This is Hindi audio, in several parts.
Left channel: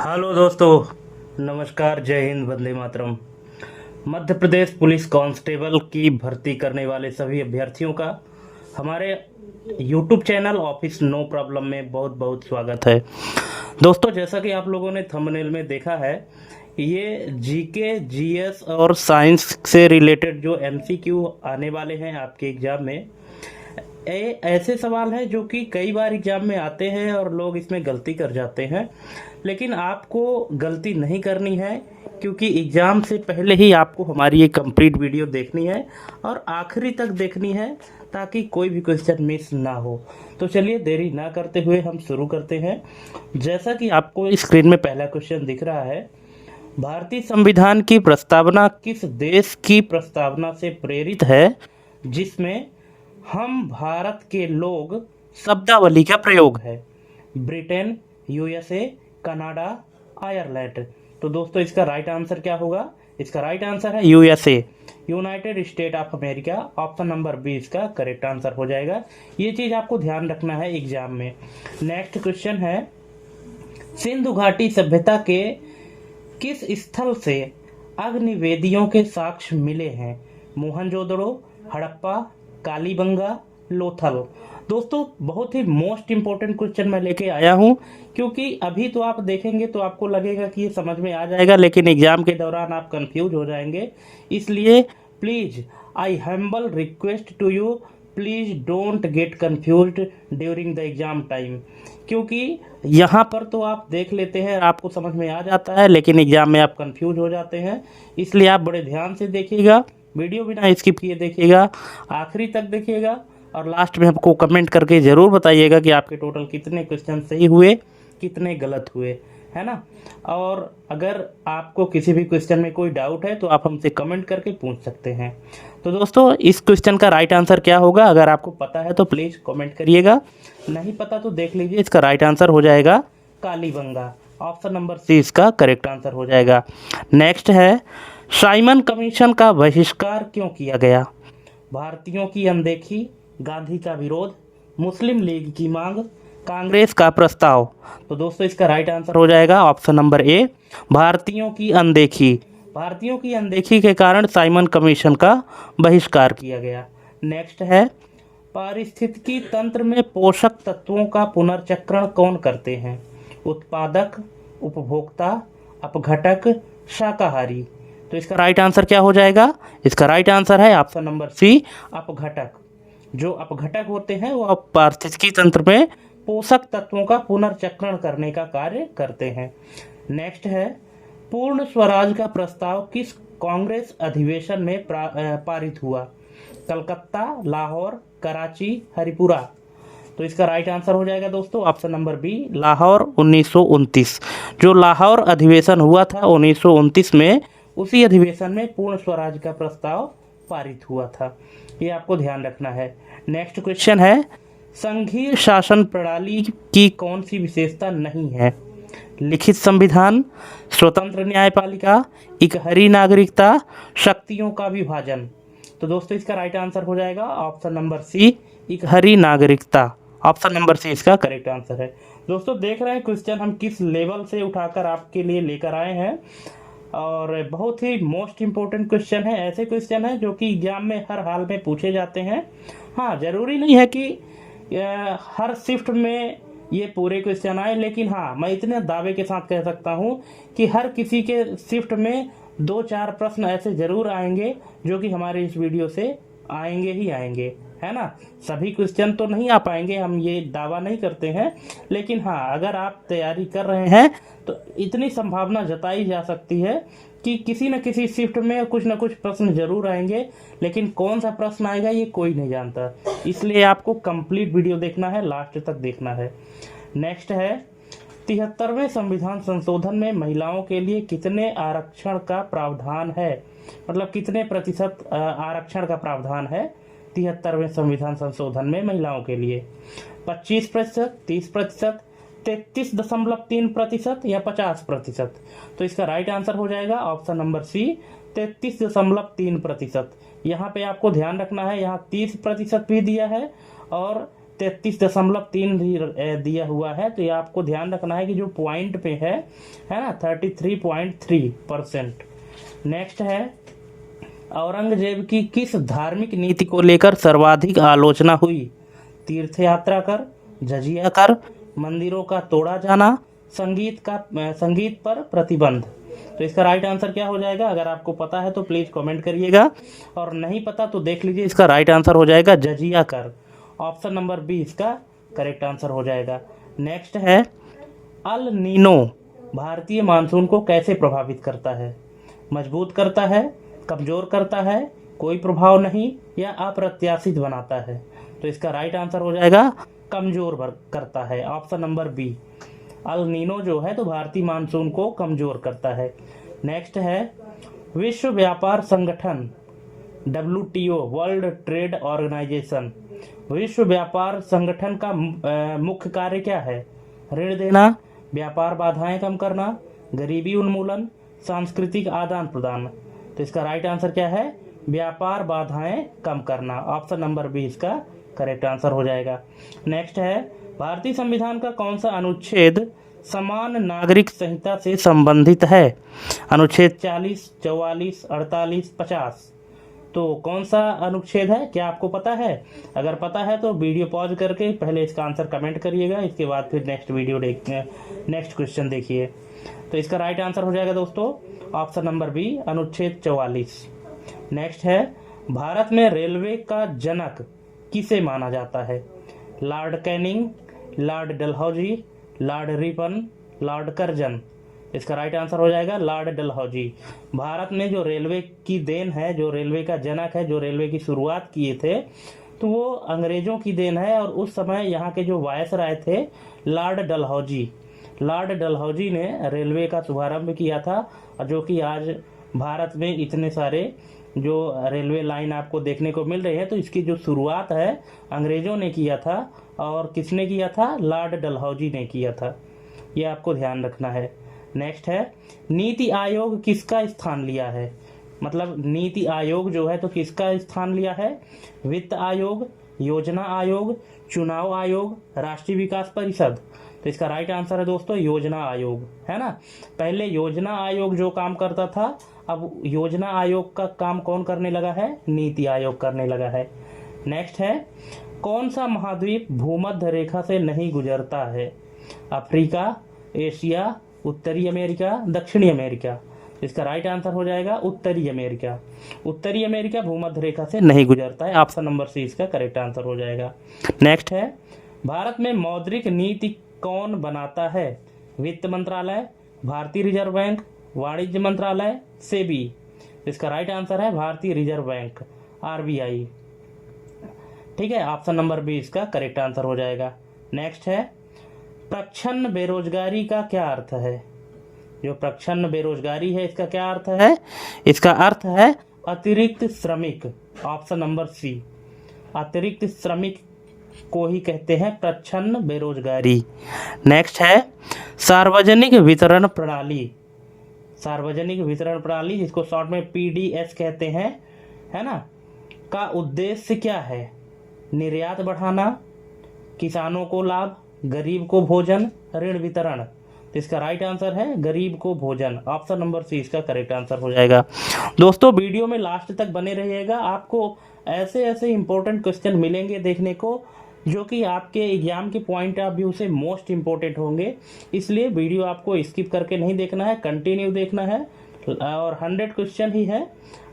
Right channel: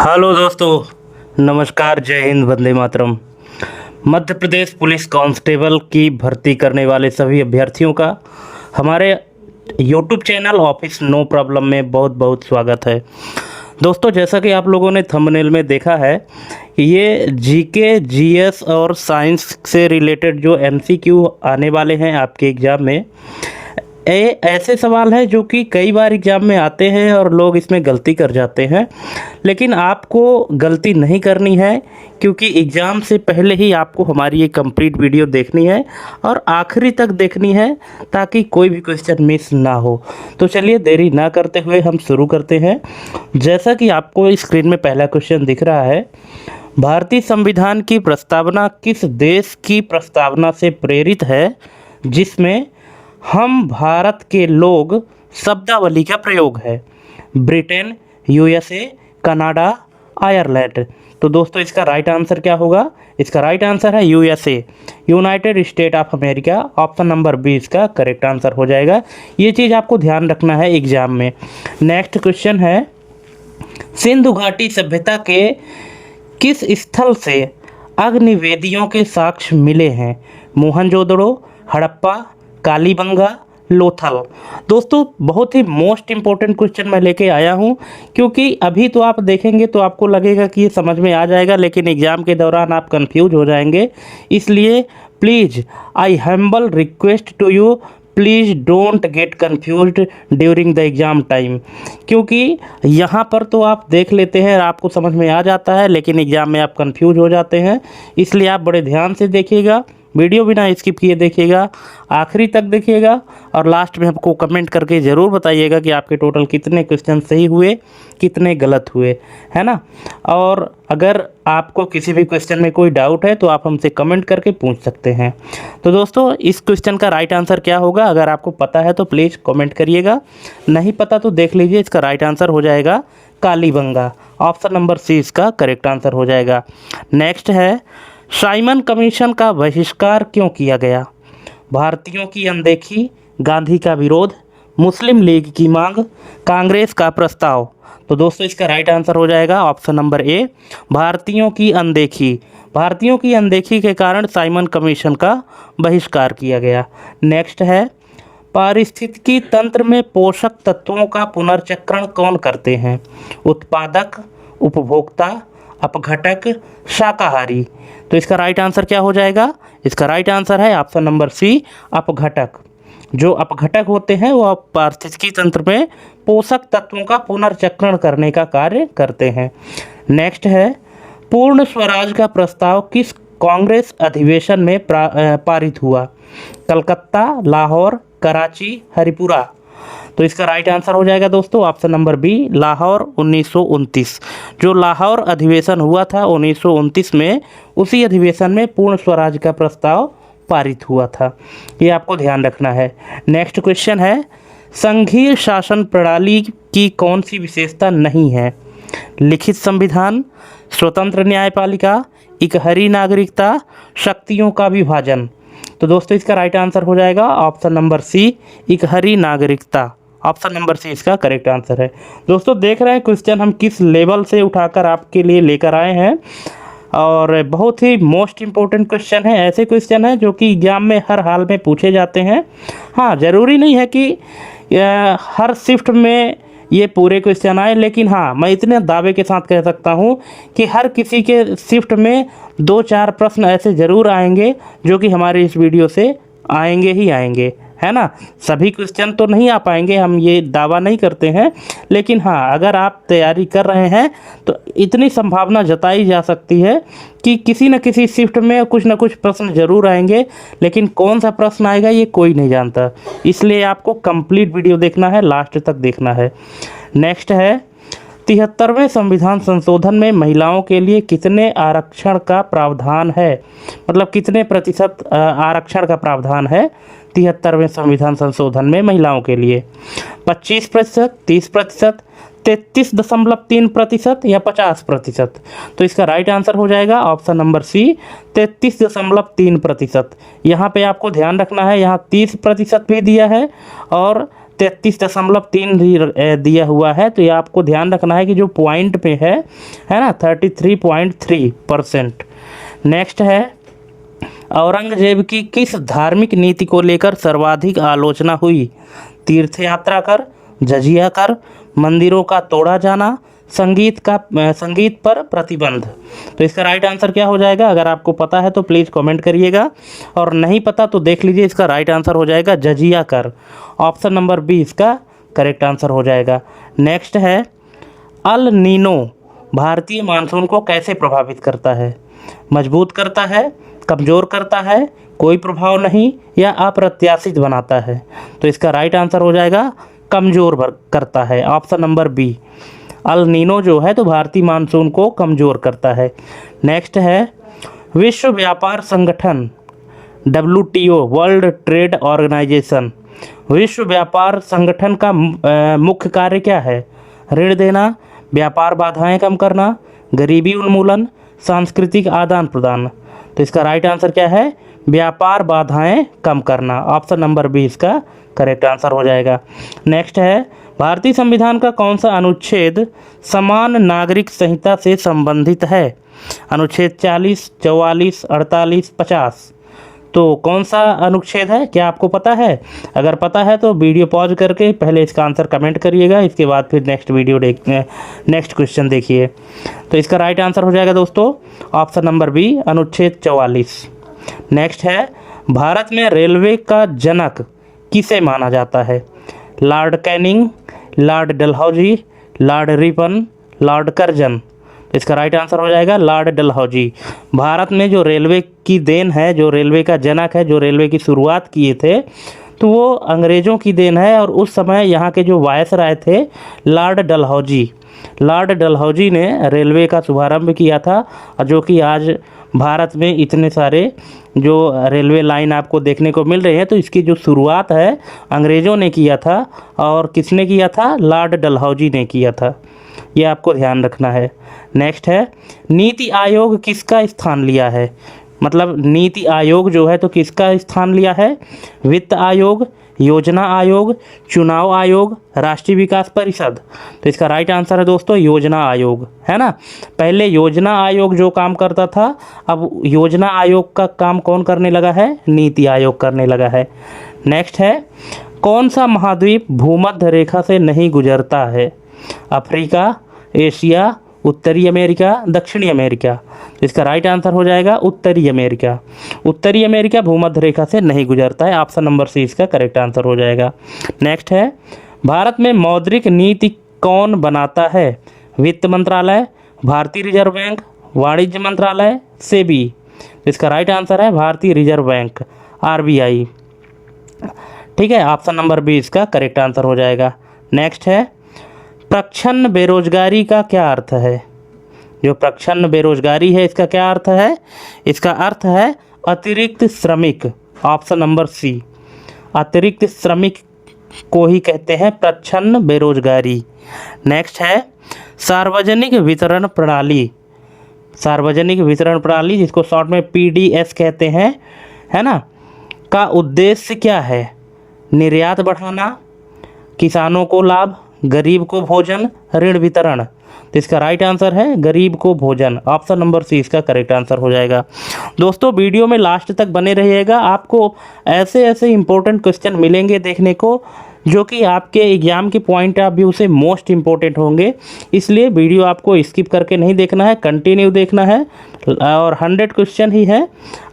हेलो दोस्तों, नमस्कार, जय हिंद, वंदे मातरम। मध्य प्रदेश पुलिस कांस्टेबल की भर्ती करने वाले सभी अभ्यर्थियों का हमारे YouTube channel office no problem में बहुत बहुत स्वागत है। दोस्तों, जैसा कि आप लोगों ने थंबनेल में देखा है, ये जीके, जीएस और साइंस से रिलेटेड जो एमसीक्यू आने वाले हैं आपके एग्ज़ाम में, ऐसे सवाल हैं जो कि कई बार एग्ज़ाम में आते हैं और लोग इसमें गलती कर जाते हैं। लेकिन आपको गलती नहीं करनी है, क्योंकि एग्ज़ाम से पहले ही आपको हमारी ये कंप्लीट वीडियो देखनी है और आखिरी तक देखनी है, ताकि कोई भी क्वेश्चन मिस ना हो। तो चलिए देरी ना करते हुए हम शुरू करते हैं। जैसा कि आपको स्क्रीन में पहला क्वेश्चन दिख रहा है, भारतीय संविधान की प्रस्तावना किस देश की प्रस्तावना से प्रेरित है जिसमें हम भारत के लोग शब्दावली का प्रयोग है? Britain, USA, Canada, Ireland. तो दोस्तों, इसका राइट आंसर क्या होगा? इसका राइट आंसर है USA, United State of America. Option number B इसका करेक्ट आंसर हो जाएगा। ये चीज़ आपको ध्यान रखना है एग्जाम में। नेक्स्ट क्वेश्चन है, सिंधु घाटी सभ्यता के किस स्थल से अग्निवेदियों के साक्ष्य मिले हैं? मोहनजोदड़ो, हड़प्पा, कालीबंगा, लोथल। दोस्तों, बहुत ही मोस्ट इम्पोर्टेंट क्वेश्चन मैं लेके आया हूँ, क्योंकि अभी तो आप देखेंगे तो आपको लगेगा कि ये समझ में आ जाएगा, लेकिन एग्ज़ाम के दौरान आप कंफ्यूज हो जाएंगे। इसलिए please, I humble request to you, please don't get confused during the exam time. क्योंकि यहाँ पर तो आप देख लेते हैं, आपको समझ में आ जाता है, लेकिन एग्ज़ाम में आप कंफ्यूज हो जाते हैं। इसलिए आप बड़े ध्यान से देखिएगा, वीडियो बिना स्किप किए देखिएगा, आखिरी तक देखिएगा, और लास्ट में हमको कमेंट करके ज़रूर बताइएगा कि आपके टोटल कितने क्वेश्चन सही हुए, कितने गलत हुए, है ना। और अगर आपको किसी भी क्वेश्चन में कोई डाउट है तो आप हमसे कमेंट करके पूछ सकते हैं। तो दोस्तों, इस क्वेश्चन का राइट आंसर क्या होगा? अगर आपको पता है तो प्लीज़ कमेंट करिएगा, नहीं पता तो देख लीजिए। इसका राइट आंसर हो जाएगा कालीबंगा। ऑप्शन नंबर सी इसका करेक्ट आंसर हो जाएगा। नेक्स्ट है, साइमन कमीशन का बहिष्कार क्यों किया गया? भारतीयों की अनदेखी, गांधी का विरोध, मुस्लिम लीग की मांग, कांग्रेस का प्रस्ताव। तो दोस्तों, इसका राइट आंसर हो जाएगा ऑप्शन नंबर ए, भारतीयों की अनदेखी। भारतीयों की अनदेखी के कारण साइमन कमीशन का बहिष्कार किया गया। नेक्स्ट है, पारिस्थितिकी तंत्र में पोषक तत्वों का पुनर्चक्रण कौन करते हैं? उत्पादक, उपभोक्ता, अपघटक, शाकाहारी। तो इसका राइट आंसर क्या हो जाएगा? इसका राइट आंसर है ऑप्शन नंबर सी, अपघटक। जो अपघटक होते हैं वो पारिस्थितिकी तंत्र में पोषक तत्वों का पुनर्चक्रण करने का कार्य करते हैं। नेक्स्ट है, पूर्ण स्वराज का प्रस्ताव किस कांग्रेस अधिवेशन में पारित हुआ? कलकत्ता, लाहौर, कराची, हरिपुरा। तो इसका राइट आंसर हो जाएगा दोस्तों ऑप्शन नंबर बी, लाहौर 1929। जो लाहौर अधिवेशन हुआ था 1929 में, उसी अधिवेशन में पूर्ण स्वराज का प्रस्ताव पारित हुआ था। ये आपको ध्यान रखना है। नेक्स्ट क्वेश्चन है, संघीय शासन प्रणाली की कौन सी विशेषता नहीं है? लिखित संविधान, स्वतंत्र न्यायपालिका, इकहरी नागरिकता, शक्तियों का विभाजन। तो दोस्तों, इसका राइट आंसर हो जाएगा ऑप्शन नंबर सी, इकहरी नागरिकता। ऑप्शन नंबर सी इसका करेक्ट आंसर है। दोस्तों, देख रहे हैं क्वेश्चन हम किस लेवल से उठाकर आपके लिए लेकर आए हैं, और बहुत ही मोस्ट इम्पोर्टेंट क्वेश्चन है। ऐसे क्वेश्चन हैं जो कि एग्जाम में हर हाल में पूछे जाते हैं। हाँ, ज़रूरी नहीं है कि हर शिफ्ट में ये पूरे क्वेश्चन आए, लेकिन हाँ, मैं इतने दावे के साथ कह सकता हूँ कि हर किसी के शिफ्ट में 2-4 प्रश्न ऐसे ज़रूर आएंगे जो कि हमारे इस वीडियो से आएंगे ही आएंगे, है ना। सभी क्वेश्चन तो नहीं आ पाएंगे, हम ये दावा नहीं करते हैं, लेकिन हाँ, अगर आप तैयारी कर रहे हैं तो इतनी संभावना जताई जा सकती है कि किसी न किसी शिफ्ट में कुछ न कुछ प्रश्न ज़रूर आएंगे, लेकिन कौन सा प्रश्न आएगा ये कोई नहीं जानता। इसलिए आपको कंप्लीट वीडियो देखना है, लास्ट तक देखना है। नेक्स्ट है, 73वें संविधान संशोधन में महिलाओं के लिए कितने आरक्षण का प्रावधान है? मतलब कितने प्रतिशत आरक्षण का प्रावधान है 73वें संविधान संशोधन में महिलाओं के लिए? 25%, 30%, 33.3% या 50%? तो इसका राइट आंसर हो जाएगा ऑप्शन नंबर सी, 33.3%। यहाँ पे आपको ध्यान रखना है, यहाँ 30% भी दिया है और 33.3 दिया हुआ है। तो ये आपको ध्यान रखना है कि जो पॉइंट पे है ना 33.3%। नेक्स्ट है, औरंगजेब की किस धार्मिक नीति को लेकर सर्वाधिक आलोचना हुई? तीर्थ यात्रा कर, जजिया कर, मंदिरों का तोड़ा जाना, संगीत पर प्रतिबंध। तो इसका राइट आंसर क्या हो जाएगा? अगर आपको पता है तो प्लीज़ कमेंट करिएगा, और नहीं पता तो देख लीजिए। इसका राइट आंसर हो जाएगा जजिया कर। ऑप्शन नंबर बी इसका करेक्ट आंसर हो जाएगा। नेक्स्ट है, अल नीनो भारतीय मानसून को कैसे प्रभावित करता है? मजबूत करता है, कमज़ोर करता है, कोई प्रभाव नहीं, या अप्रत्याशित बनाता है? तो इसका राइट आंसर हो जाएगा कमज़ोर करता है। Option number B, El Nino जो है तो भारतीय मानसून को कमज़ोर करता है। नेक्स्ट है, विश्व व्यापार संगठन WTO वर्ल्ड ट्रेड ऑर्गेनाइजेशन, विश्व व्यापार संगठन का मुख्य कार्य क्या है? ऋण देना, व्यापार बाधाएं कम करना, गरीबी उन्मूलन, सांस्कृतिक आदान प्रदान। तो इसका राइट आंसर क्या है? व्यापार बाधाएं कम करना। ऑप्शन नंबर बी इसका करेक्ट आंसर हो जाएगा। नेक्स्ट है, भारतीय संविधान का कौन सा अनुच्छेद समान नागरिक संहिता से संबंधित है? अनुच्छेद 40, 44, 48, 50। तो कौन सा अनुच्छेद है, क्या आपको पता है? अगर पता है तो वीडियो पॉज करके पहले इसका आंसर कमेंट करिएगा, इसके बाद फिर नेक्स्ट क्वेश्चन देखिए। तो इसका राइट आंसर हो जाएगा दोस्तों ऑप्शन नंबर बी, अनुच्छेद 44। नेक्स्ट है, भारत में रेलवे का जनक किसे माना जाता है? Lord Canning, Lord Dalhousie, Lord Ripon, Lord Curzon. इसका राइट आंसर हो जाएगा लॉर्ड डलहौजी। भारत में जो रेलवे की देन है, जो रेलवे का जनक है, जो रेलवे की शुरुआत किए थे, तो वो अंग्रेज़ों की देन है। और उस समय यहाँ के जो वायसराय थे लॉर्ड डलहौजी ने रेलवे का शुभारंभ किया था, जो कि आज भारत में इतने सारे जो रेलवे लाइन आपको देखने को मिल रहे हैं, तो इसकी जो शुरुआत है अंग्रेज़ों ने किया था। और किसने किया था? लॉर्ड डलहौजी ने किया था। ये आपको ध्यान रखना है। नेक्स्ट है, नीति आयोग किसका स्थान लिया है? मतलब नीति आयोग जो है तो किसका स्थान लिया है? वित्त आयोग, योजना आयोग, चुनाव आयोग, राष्ट्रीय विकास परिषद। तो इसका राइट आंसर है दोस्तों योजना आयोग, है ना। पहले योजना आयोग जो काम करता था, अब योजना आयोग का काम कौन करने लगा है? नीति आयोग करने लगा है। नेक्स्ट है, कौन सा महाद्वीप भूमध्य रेखा से नहीं गुजरता है? अफ्रीका, एशिया, उत्तरी अमेरिका, दक्षिणी अमेरिका। इसका राइट आंसर हो जाएगा उत्तरी अमेरिका। उत्तरी अमेरिका भूमध्य रेखा से नहीं गुजरता है। ऑप्शन नंबर सी इसका करेक्ट आंसर हो जाएगा। नेक्स्ट है, भारत में मौद्रिक नीति कौन बनाता है? वित्त मंत्रालय, भारतीय रिजर्व बैंक, वाणिज्य मंत्रालय, सेबी। इसका राइट आंसर है भारतीय रिजर्व बैंक, RBI। ठीक है, ऑप्शन नंबर बी इसका करेक्ट आंसर हो जाएगा। नेक्स्ट है, प्रच्छन्न बेरोजगारी का क्या अर्थ है? जो प्रच्छन्न बेरोजगारी है इसका क्या अर्थ है? इसका अर्थ है अतिरिक्त श्रमिक। ऑप्शन नंबर सी, अतिरिक्त श्रमिक को ही कहते हैं प्रच्छन्न बेरोजगारी। नेक्स्ट है, सार्वजनिक वितरण प्रणाली, सार्वजनिक वितरण प्रणाली जिसको शॉर्ट में PDS कहते हैं, है ना, का उद्देश्य क्या है? निर्यात बढ़ाना, किसानों को लाभ, गरीब को भोजन, ऋण वितरण। तो इसका राइट आंसर है गरीब को भोजन। ऑप्शन नंबर सी इसका करेक्ट आंसर हो जाएगा। दोस्तों वीडियो में लास्ट तक बने रहिएगा, आपको ऐसे ऐसे इंपॉर्टेंट क्वेश्चन मिलेंगे देखने को, जो कि आपके एग्जाम के पॉइंट ऑफ व्यू से मोस्ट इम्पोर्टेंट होंगे। इसलिए वीडियो आपको स्किप करके नहीं देखना है, कंटिन्यू देखना है। और 100 क्वेश्चन ही है,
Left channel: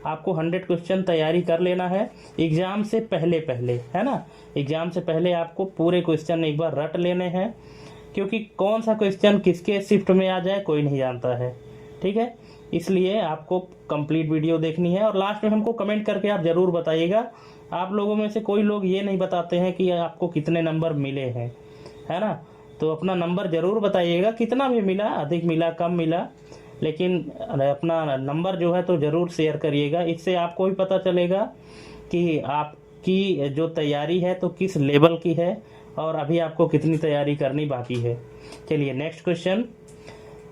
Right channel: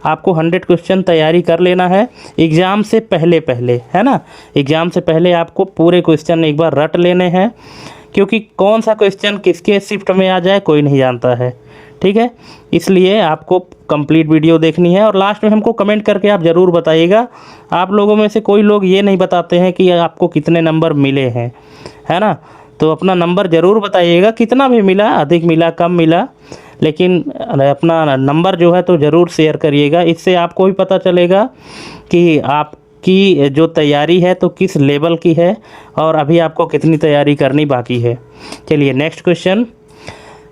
आपको 100 क्वेश्चन तैयारी कर लेना है एग्ज़ाम से पहले, है ना। एग्ज़ाम से पहले आपको पूरे क्वेश्चन एक बार रट लेने हैं, क्योंकि कौन सा क्वेश्चन किसके शिफ्ट में आ जाए कोई नहीं जानता है। ठीक है, इसलिए आपको कंप्लीट वीडियो देखनी है। और लास्ट में हमको कमेंट करके आप ज़रूर बताइएगा। आप लोगों में से कोई लोग ये नहीं बताते हैं कि आपको कितने नंबर मिले हैं, है ना। तो अपना नंबर ज़रूर बताइएगा, कितना भी मिला, अधिक मिला, कम मिला, लेकिन अपना नंबर जो है तो ज़रूर शेयर करिएगा। इससे आपको भी पता चलेगा कि आपकी जो तैयारी है तो किस लेवल की है, और अभी आपको कितनी तैयारी करनी बाकी है। चलिए नेक्स्ट क्वेश्चन,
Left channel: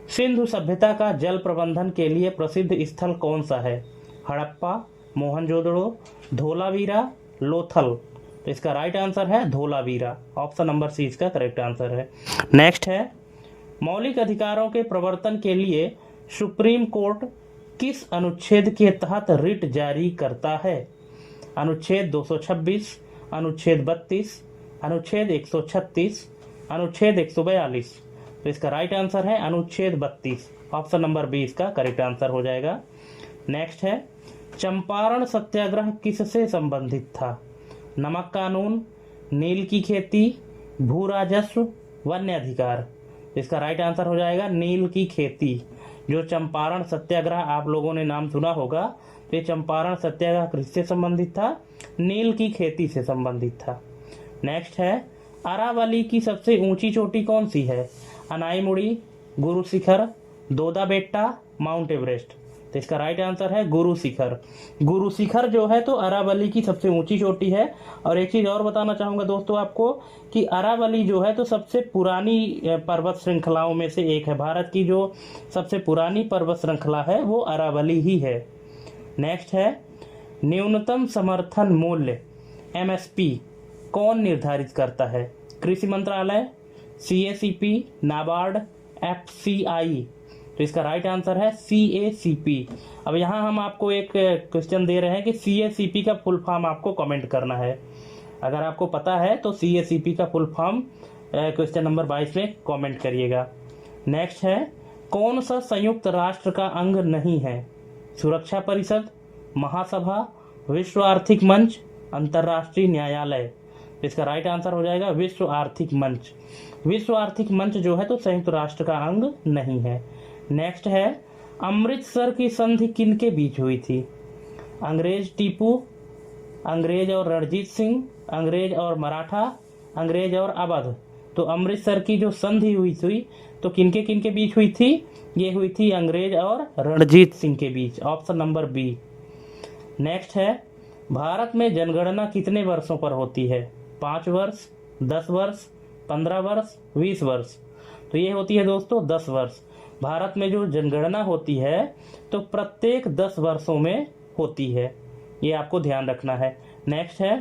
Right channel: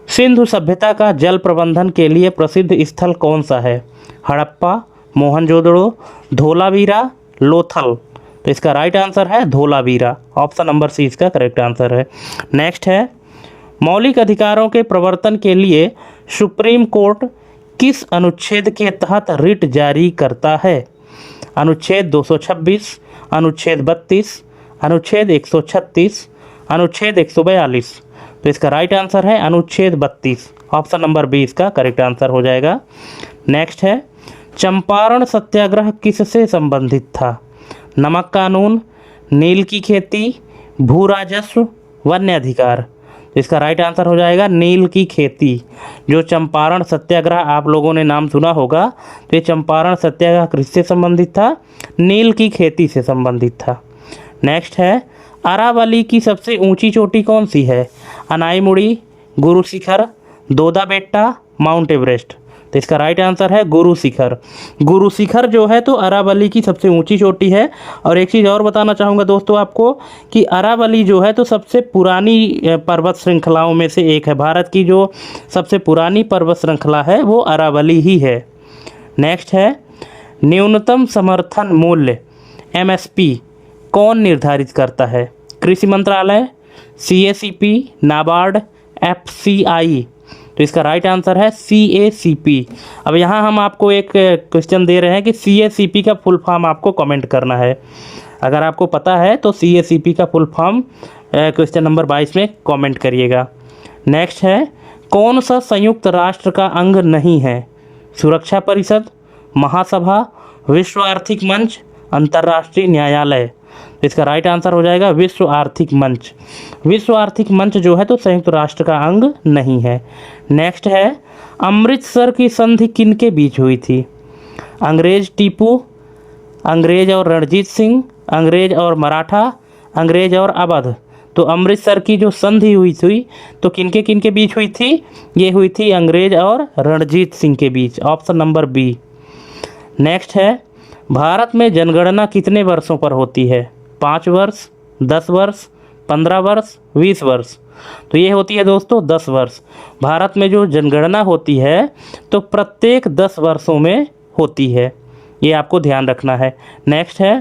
सिंधु सभ्यता का जल प्रबंधन के लिए प्रसिद्ध स्थल कौन सा है? हड़प्पा, मोहनजोदड़ो, धोलावीरा, लोथल। तो इसका राइट आंसर है धोलावीरा। ऑप्शन नंबर सी इसका करेक्ट आंसर है। नेक्स्ट है, मौलिक अधिकारों के प्रवर्तन के लिए सुप्रीम कोर्ट किस अनुच्छेद के तहत रिट जारी करता है? अनुच्छेद 226, अनुच्छेद 32, अनुच्छेद 136, अनुच्छेद 142। तो इसका राइट आंसर है अनुच्छेद 32। ऑप्शन नंबर बी इसका करेक्ट आंसर हो जाएगा। नेक्स्ट है, चंपारण सत्याग्रह किससे संबंधित था? नमक कानून, नील की खेती, भू राजस्व, वन्य अधिकार। इसका राइट आंसर हो जाएगा नील की खेती। जो चंपारण सत्याग्रह आप लोगों ने नाम सुना होगा, तो ये चंपारण सत्याग्रह किससे संबंधित था? नील की खेती से संबंधित था। नेक्स्ट है, अरावली की सबसे ऊंची चोटी कौन सी है? अनाईमुड़ी, गुरु शिखर, दोदा बेट्टा, माउंट एवरेस्ट। तो इसका राइट आंसर है गुरु शिखर। गुरु शिखर जो है तो अरावली की सबसे ऊंची चोटी है। और एक चीज़ और बताना चाहूँगा दोस्तों आपको कि अरावली जो है तो सबसे पुरानी पर्वत श्रृंखलाओं में से एक है। भारत की जो सबसे पुरानी पर्वत श्रृंखला है वो अरावली ही है। नेक्स्ट है, न्यूनतम समर्थन मूल्य MSP कौन निर्धारित करता है? कृषि मंत्रालय, CACP, नाबार्ड, FCI। तो इसका राइट आंसर है CACP। अब यहाँ हम आपको एक क्वेश्चन दे रहे हैं कि CACP का फुल फॉर्म आपको कमेंट करना है। अगर आपको पता है तो CACP का फुल फॉर्म क्वेश्चन नंबर 22 में कमेंट करिएगा। नेक्स्ट है, कौन सा संयुक्त राष्ट्र का अंग नहीं है? सुरक्षा परिषद, महासभा, विश्व आर्थिक मंच, अंतर्राष्ट्रीय न्यायालय। तो इसका राइट आंसर हो जाएगा विश्व आर्थिक मंच। विश्व आर्थिक मंच जो है तो संयुक्त राष्ट्र का अंग नहीं है। नेक्स्ट है, अमृतसर की संधि किनके बीच हुई थी? अंग्रेज टीपू, अंग्रेज और रणजीत सिंह, अंग्रेज और मराठा, अंग्रेज और अवध। तो अमृतसर की जो संधि हुई थी तो किनके बीच हुई थी? ये हुई थी अंग्रेज और रणजीत सिंह के बीच। Option number B. नेक्स्ट है, भारत में जनगणना कितने वर्षों पर होती है? 5 वर्ष, 10 वर्ष, 15 वर्ष, 20 वर्ष। तो ये होती है दोस्तों 10 वर्ष। भारत में जो जनगणना होती है तो प्रत्येक 10 वर्षों में होती है, ये आपको ध्यान रखना है। नेक्स्ट है,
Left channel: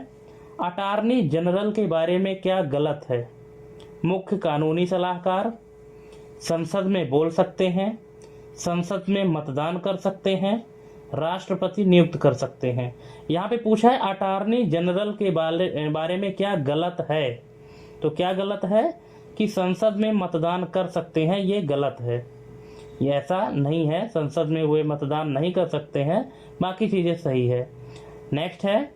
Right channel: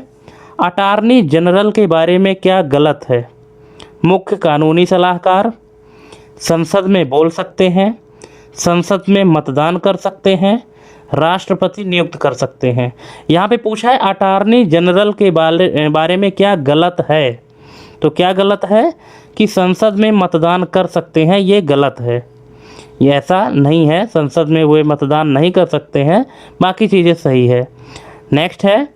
अटॉर्नी जनरल के बारे में क्या गलत है? मुख्य कानूनी सलाहकार, संसद में बोल सकते हैं, संसद में मतदान कर सकते हैं, राष्ट्रपति नियुक्त कर सकते हैं। यहाँ पे पूछा है अटॉर्नी जनरल के बारे में क्या गलत है? तो क्या गलत है कि संसद में मतदान कर सकते हैं, ये गलत है। ये ऐसा नहीं है, संसद में वे मतदान नहीं कर सकते हैं, बाकी चीज़ें सही है। नेक्स्ट है,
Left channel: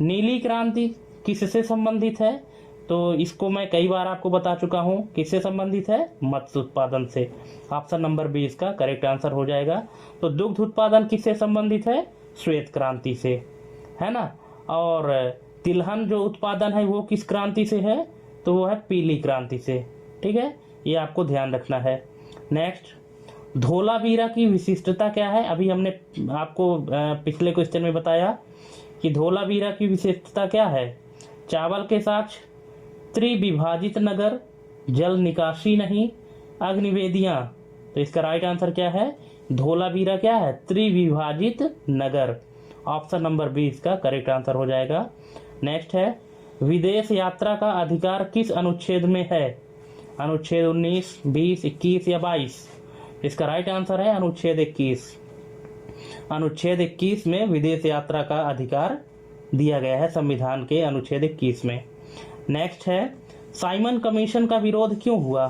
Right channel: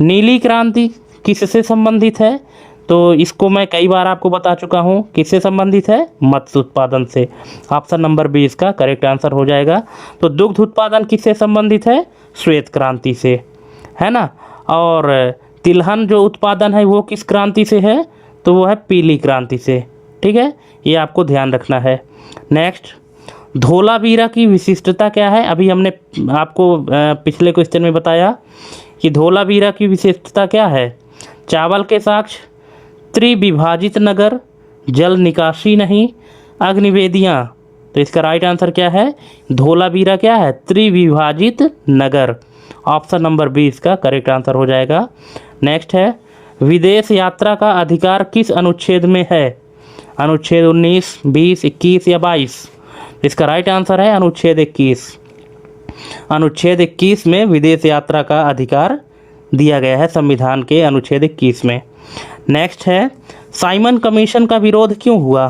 नीली क्रांति किससे संबंधित है? तो इसको मैं कई बार आपको बता चुका हूँ, किससे संबंधित है? मत्स्य उत्पादन से। ऑप्शन नंबर बी इसका करेक्ट आंसर हो जाएगा। तो दुग्ध उत्पादन किससे संबंधित है? श्वेत क्रांति से, है ना। और तिलहन जो उत्पादन है वो किस क्रांति से है? तो वो है पीली क्रांति से। ठीक है, ये आपको ध्यान रखना है। नेक्स्ट, धोलावीरा की विशिष्टता क्या है? अभी हमने आपको पिछले क्वेश्चन में बताया कि धोलावीरा की विशिष्टता क्या है? चावल के साक्ष्य, त्रिविभाजित नगर, जल निकासी नहीं, अग्निवेदियाँ। तो इसका राइट आंसर क्या है? धोलावीरा क्या है? त्रिविभाजित नगर। ऑप्शन नंबर बी इसका करेक्ट आंसर हो जाएगा। नेक्स्ट है, विदेश यात्रा का अधिकार किस अनुच्छेद में है? अनुच्छेद 19, 20, 21 या 22। इसका राइट आंसर है अनुच्छेद 21। अनुच्छेद 21 में विदेश यात्रा का अधिकार दिया गया है संविधान के अनुच्छेद 21 में। नेक्स्ट है, साइमन कमीशन का विरोध क्यों हुआ?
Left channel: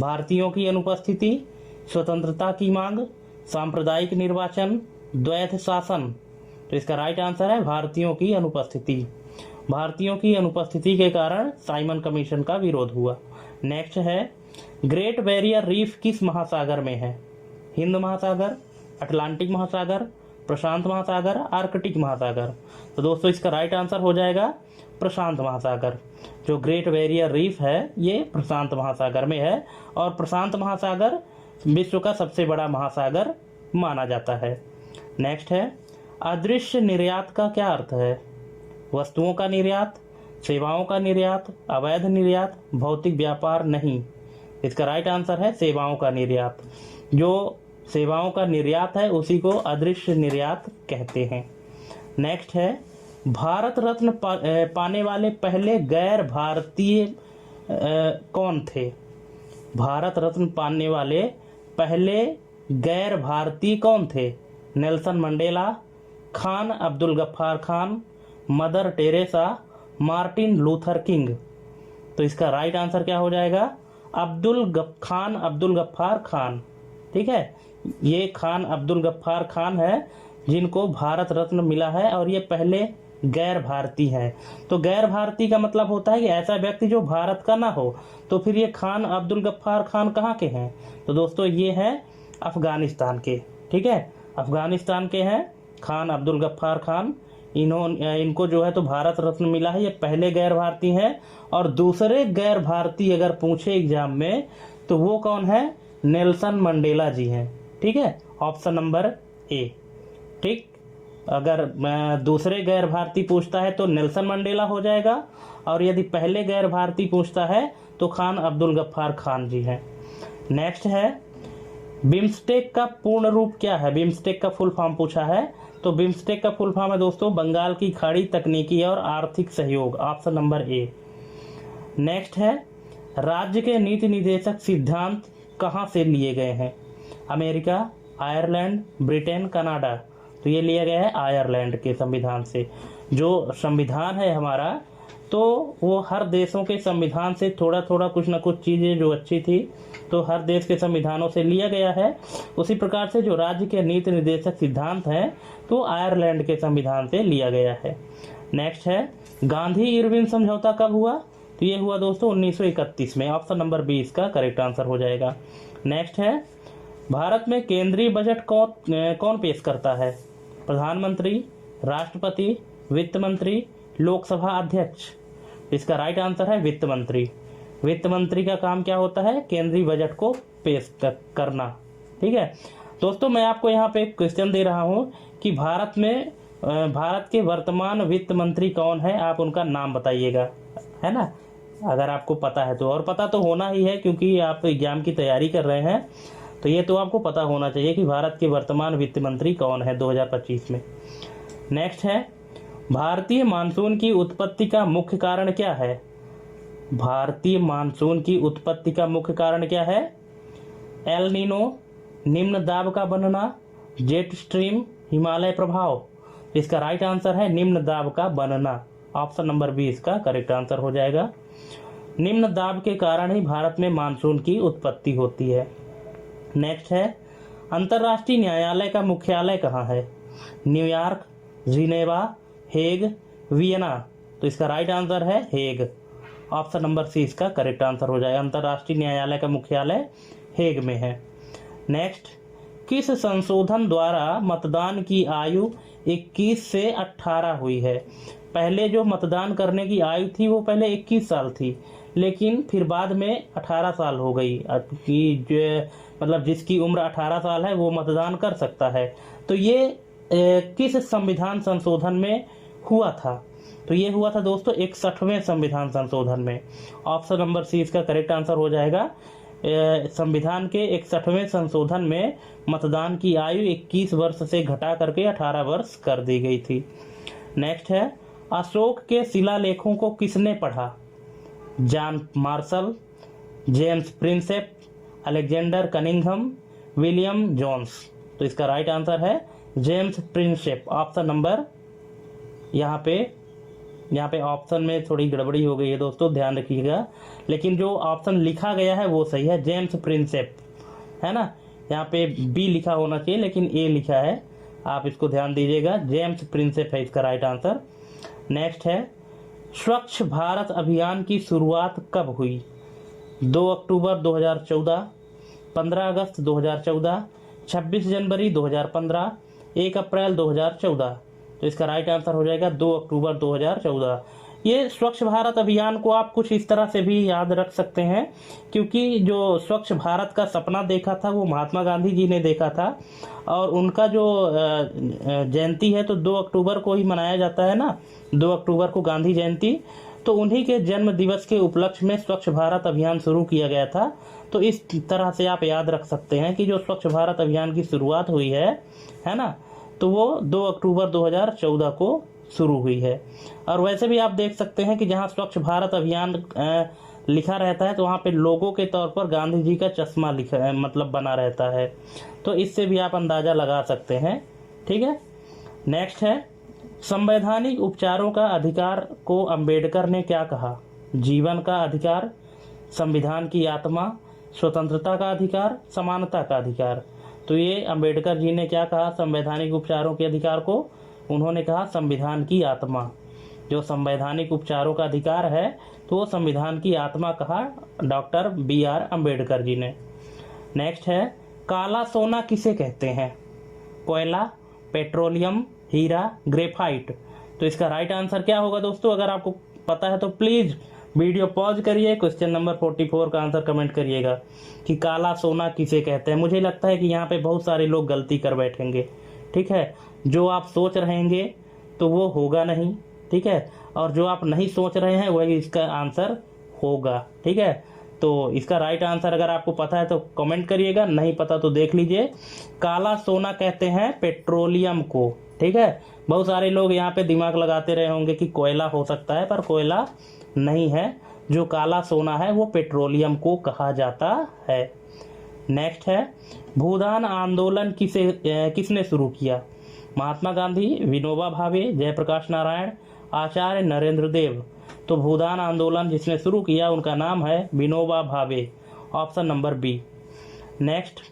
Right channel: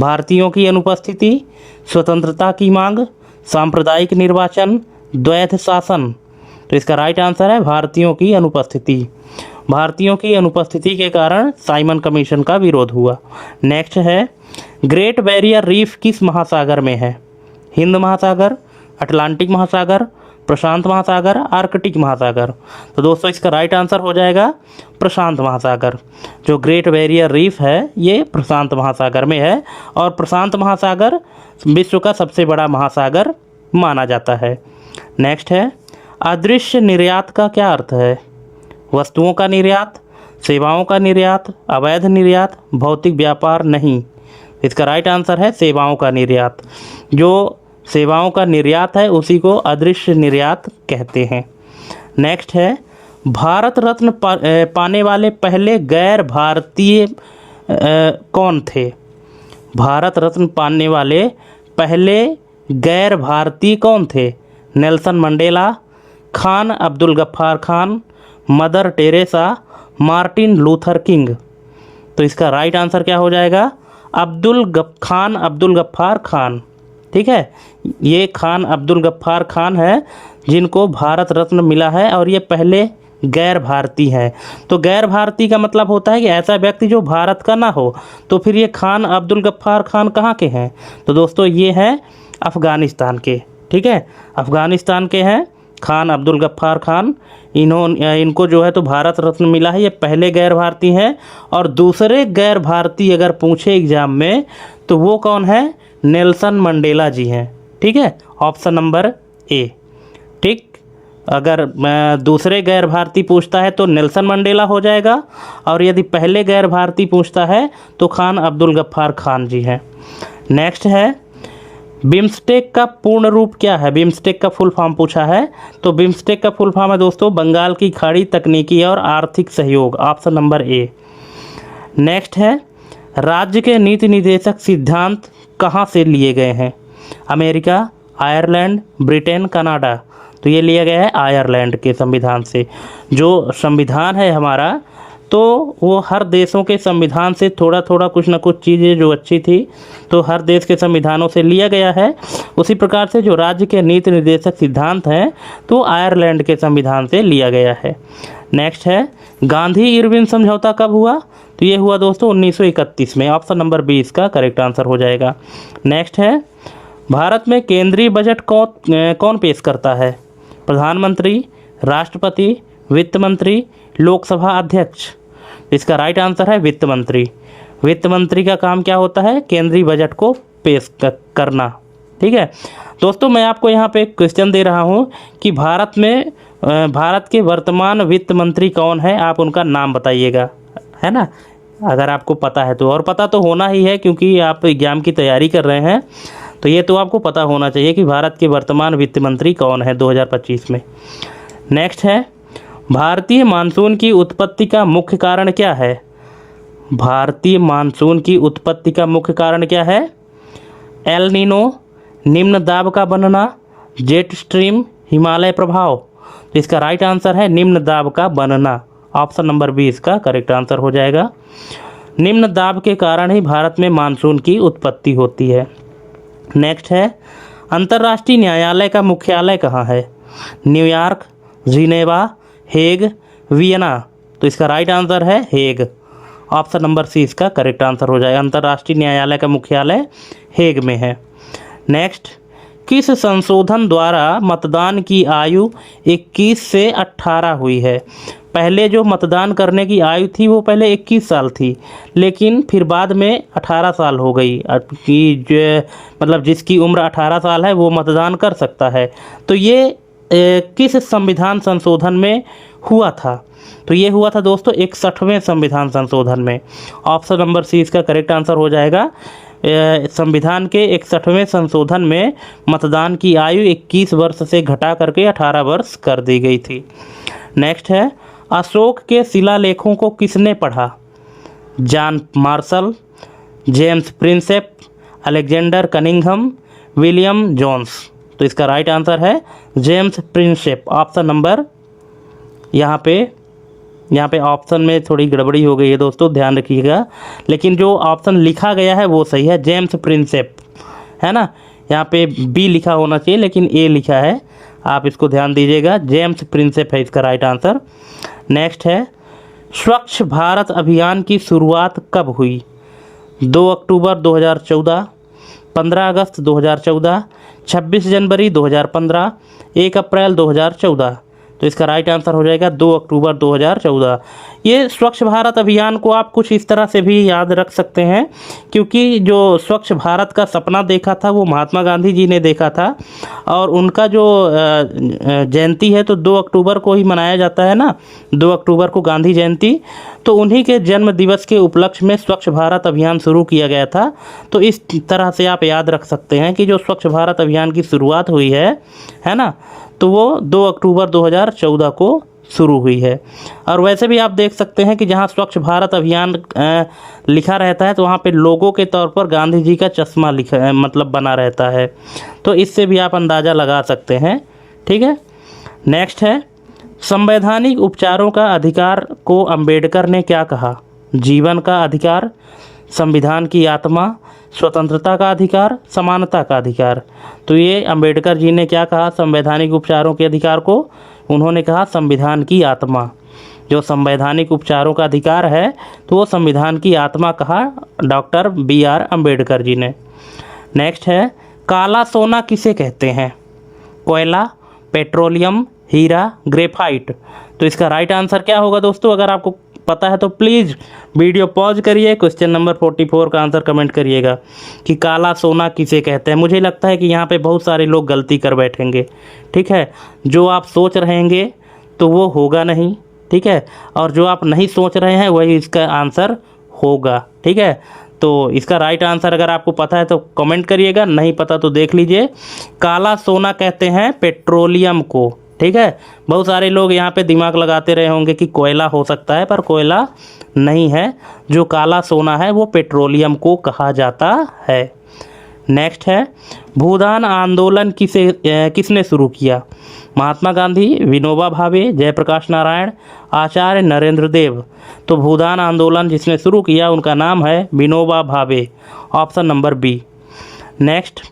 भारतीयों की अनुपस्थिति, स्वतंत्रता की मांग, सांप्रदायिक निर्वाचन, द्वैध शासन। तो इसका राइट आंसर है भारतीयों की अनुपस्थिति। भारतीयों की अनुपस्थिति के कारण साइमन कमीशन का विरोध हुआ। नेक्स्ट है, ग्रेट बैरियर रीफ किस महासागर में है? हिंद महासागर, अटलांटिक महासागर, प्रशांत महासागर, आर्कटिक महासागर। तो दोस्तों इसका राइट आंसर हो जाएगा प्रशांत महासागर। जो ग्रेट बैरियर रीफ है ये प्रशांत महासागर में है और प्रशांत महासागर विश्व का सबसे बड़ा महासागर माना जाता है। नेक्स्ट है, अदृश्य निर्यात का क्या अर्थ है? वस्तुओं का निर्यात, सेवाओं का निर्यात, अवैध निर्यात, भौतिक व्यापार नहीं। इसका राइट आंसर है सेवाओं का निर्यात। जो सेवाओं का निर्यात है उसी को अदृश्य निर्यात कहते हैं। नेक्स्ट है, भारत रत्न पाने वाले पहले गैर भारतीय कौन थे? भारत रत्न पाने वाले पहले गैर भारतीय कौन थे? Nelson Mandela, Khan Abdul Gaffar Khan, Mother Teresa, Martin Luther King. तो इसका राइट आंसर क्या हो जाएगा? खान अब्दुल गफ्फार खान। ठीक है, ये खान अब्दुल गफ्फार खान है जिनको भारत रत्न मिला है और ये पहले गैर भारतीय हैं। तो गैर भारतीय का मतलब होता है कि ऐसा व्यक्ति जो भारत का ना हो। तो फिर ये खान अब्दुल गफ्फार खान कहाँ के हैं? तो दोस्तों ये हैं अफ़गानिस्तान के। ठीक है, अफ़गानिस्तान के हैं खान अब्दुल गफ्फार खान। इनको जो है तो भारत रत्न मिला है, ये पहले गैर भारतीय हैं। और दूसरे गैर भारतीय अगर पूछे एग्जाम में तो वो कौन है? नेल्सन मंडेला जी हैं। ठीक है, ऑप्शन नंबर ए। ठीक, अगर दूसरे गैर भारतीय पूछता है तो नेल्सन मंडेला हो जाएगा, और यदि पहले गैर भारतीय पूछता है तो खान अब्दुल गफ्फार खान जी हैं। नेक्स्ट है, बिम्स्टेक का पूर्ण रूप क्या है? बिम्स्टेक का फुल फॉर्म पूछा है। तो बिम्स्टेक का फुल फॉर्म है दोस्तों बंगाल की खाड़ी तकनीकी और आर्थिक सहयोग, ऑप्शन नंबर ए। नेक्स्ट है, राज्य के नीति निर्देशक सिद्धांत कहाँ से लिए गए हैं? America, Ireland, Britain, Canada. तो ये लिया गया है आयरलैंड के संविधान से। जो संविधान है हमारा तो वो हर देशों के संविधान से थोड़ा थोड़ा कुछ ना कुछ चीज़ें जो अच्छी थी तो हर देश के संविधानों से लिया गया है। उसी प्रकार से जो राज्य के नीति निर्देशक सिद्धांत हैं तो आयरलैंड के संविधान से लिया गया है। नेक्स्ट है, गांधी इरविन समझौता कब हुआ? तो ये हुआ दोस्तों 1931 में, ऑप्शन नंबर बी इसका करेक्ट आंसर हो जाएगा। नेक्स्ट है, भारत में केंद्रीय बजट कौन पेश करता है? प्रधानमंत्री, राष्ट्रपति, वित्त मंत्री, लोकसभा अध्यक्ष। इसका राइट आंसर है वित्त मंत्री। वित्त मंत्री का काम क्या होता है? केंद्रीय बजट को पेश करना। ठीक है दोस्तों, मैं आपको यहाँ पे एक क्वेश्चन दे रहा हूँ कि भारत के वर्तमान वित्त मंत्री कौन है? आप उनका नाम बताइएगा, है ना, अगर आपको पता है तो। और पता तो होना ही है क्योंकि आप एग्जाम की तैयारी कर रहे हैं, तो ये तो आपको पता होना चाहिए कि भारत के वर्तमान वित्त मंत्री कौन है 2025 में। नेक्स्ट है, भारतीय मानसून की उत्पत्ति का मुख्य कारण क्या है? भारतीय मानसून की उत्पत्ति का मुख्य कारण क्या है? एल नीनो, निम्न दाब का बनना, जेट स्ट्रीम, हिमालय प्रभाव। तो इसका राइट आंसर है निम्न दाब का बनना, ऑप्शन नंबर बी इसका करेक्ट आंसर हो जाएगा। निम्न दाब के कारण ही भारत में मानसून की उत्पत्ति होती है। नेक्स्ट है, अंतर्राष्ट्रीय न्यायालय का मुख्यालय कहाँ है? New York, Geneva, Hague, Vienna. तो इसका राइट आंसर है हेग, ऑप्शन नंबर सी इसका करेक्ट आंसर हो जाएगा। अंतर्राष्ट्रीय न्यायालय का मुख्यालय हेग में है। नेक्स्ट, किस संशोधन द्वारा मतदान की आयु 21 से 18 हुई है? पहले जो मतदान करने की आयु थी वो पहले 21 साल थी, लेकिन फिर बाद में 18 साल हो गई कि जो मतलब जिसकी उम्र 18 साल है वो मतदान कर सकता है। तो ये किस संविधान संशोधन में हुआ था? तो ये हुआ था दोस्तों 61वें संविधान संशोधन में, ऑप्शन नंबर सी इसका करेक्ट आंसर हो जाएगा। संविधान के 61वें संशोधन में मतदान की आयु 21 वर्ष से घटा करके 18 वर्ष कर दी गई थी। नेक्स्ट है, अशोक के शिलालेखों को किसने पढ़ा? John Marshall, James Prinsep, Alexander Cunningham, William Jones. तो इसका राइट आंसर है जेम्स प्रिंसेप, ऑप्शन नंबर, यहाँ पे ऑप्शन में थोड़ी गड़बड़ी हो गई है दोस्तों, ध्यान रखिएगा। लेकिन जो ऑप्शन लिखा गया है वो सही है, जेम्स प्रिंसेप, है ना। यहाँ पे बी लिखा होना चाहिए लेकिन ए लिखा है, आप इसको ध्यान दीजिएगा। जेम्स प्रिंसेप है इसका राइट आंसर। नेक्स्ट है, स्वच्छ भारत अभियान की शुरुआत कब हुई? 2 अक्टूबर 2014, 15 अगस्त 2014, 26 जनवरी 2015, 1 अप्रैल 2014। तो इसका राइट आंसर हो जाएगा 2 अक्टूबर 2014। ये स्वच्छ भारत अभियान को आप कुछ इस तरह से भी याद रख सकते हैं, क्योंकि जो स्वच्छ भारत का सपना देखा था वो महात्मा गांधी जी ने देखा था, और उनका जो जयंती है तो 2 अक्टूबर को ही मनाया जाता है ना, 2 अक्टूबर को गांधी जयंती। तो उन्हीं के जन्म दिवस के उपलक्ष्य में स्वच्छ भारत अभियान शुरू किया गया था। तो इस तरह से आप याद रख सकते हैं कि जो स्वच्छ भारत अभियान की शुरुआत हुई है ना, तो वो 2 अक्टूबर 2014 को शुरू हुई है। और वैसे भी आप देख सकते हैं कि जहाँ स्वच्छ भारत अभियान लिखा रहता है तो वहाँ पे लोगों के तौर पर गांधी जी का चश्मा लिखा मतलब बना रहता है, तो इससे भी आप अंदाज़ा लगा सकते हैं। ठीक है, नेक्स्ट है, संवैधानिक उपचारों का अधिकार को अंबेडकर ने क्या कहा? जीवन का अधिकार, संविधान की आत्मा, स्वतंत्रता का अधिकार, समानता का अधिकार। तो ये अंबेडकर जी ने क्या कहा संवैधानिक उपचारों के अधिकार को? उन्होंने कहा संविधान की आत्मा। जो संवैधानिक उपचारों का अधिकार है तो वो संविधान की आत्मा कहा डॉक्टर BR अम्बेडकर जी ने। नेक्स्ट है, काला सोना किसे कहते हैं? कोयला, पेट्रोलियम, हीरा, ग्रेफाइट। तो इसका राइट आंसर क्या होगा दोस्तों? अगर आपको पता है तो प्लीज़ वीडियो पॉज करिए, क्वेश्चन नंबर 44 का आंसर कमेंट करिएगा कि काला सोना किसे कहते हैं। मुझे लगता है कि यहाँ पे बहुत सारे लोग गलती कर बैठेंगे। ठीक है, जो आप सोच रहेंगे तो वो होगा नहीं। ठीक है, और जो आप नहीं सोच रहे हैं वही इसका आंसर होगा। ठीक है, तो इसका राइट आंसर अगर आपको पता है तो कमेंट करिएगा, नहीं पता तो देख लीजिए। काला सोना कहते हैं पेट्रोलियम को। ठीक है, बहुत सारे लोग यहाँ पे दिमाग लगाते रहे होंगे कि कोयला हो सकता है, पर कोयला नहीं है। जो काला सोना है वो पेट्रोलियम को कहा जाता है। नेक्स्ट है, भूदान आंदोलन किसने शुरू किया? महात्मा गांधी, विनोबा भावे, जयप्रकाश नारायण, आचार्य नरेंद्र देव। तो भूदान आंदोलन जिसने शुरू किया उनका नाम है Vinoba Bhave, option number B. Next,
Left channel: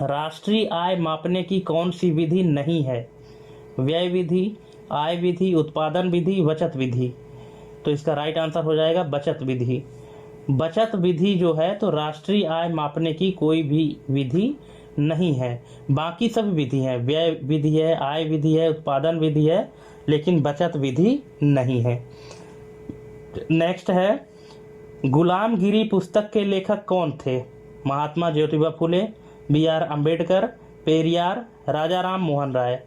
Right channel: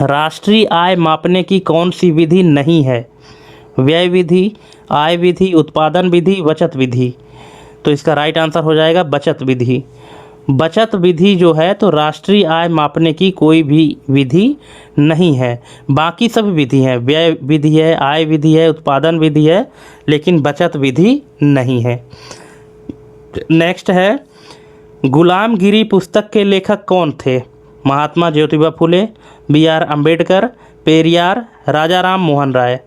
राष्ट्रीय आय मापने की कौन सी विधि नहीं है? व्यय विधि, आय विधि, उत्पादन विधि, बचत विधि। तो इसका राइट आंसर हो जाएगा बचत विधि। बचत विधि जो है तो राष्ट्रीय आय मापने की कोई भी विधि नहीं है, बाकी सब विधि हैं, व्यय विधि है, आय विधि है, उत्पादन विधि है, लेकिन बचत विधि नहीं है। नेक्स्ट है, गुलामगिरी पुस्तक के लेखक कौन थे? महात्मा ज्योतिबा फुले, BR अम्बेडकर, पेरियार, राजा राम मोहन राय।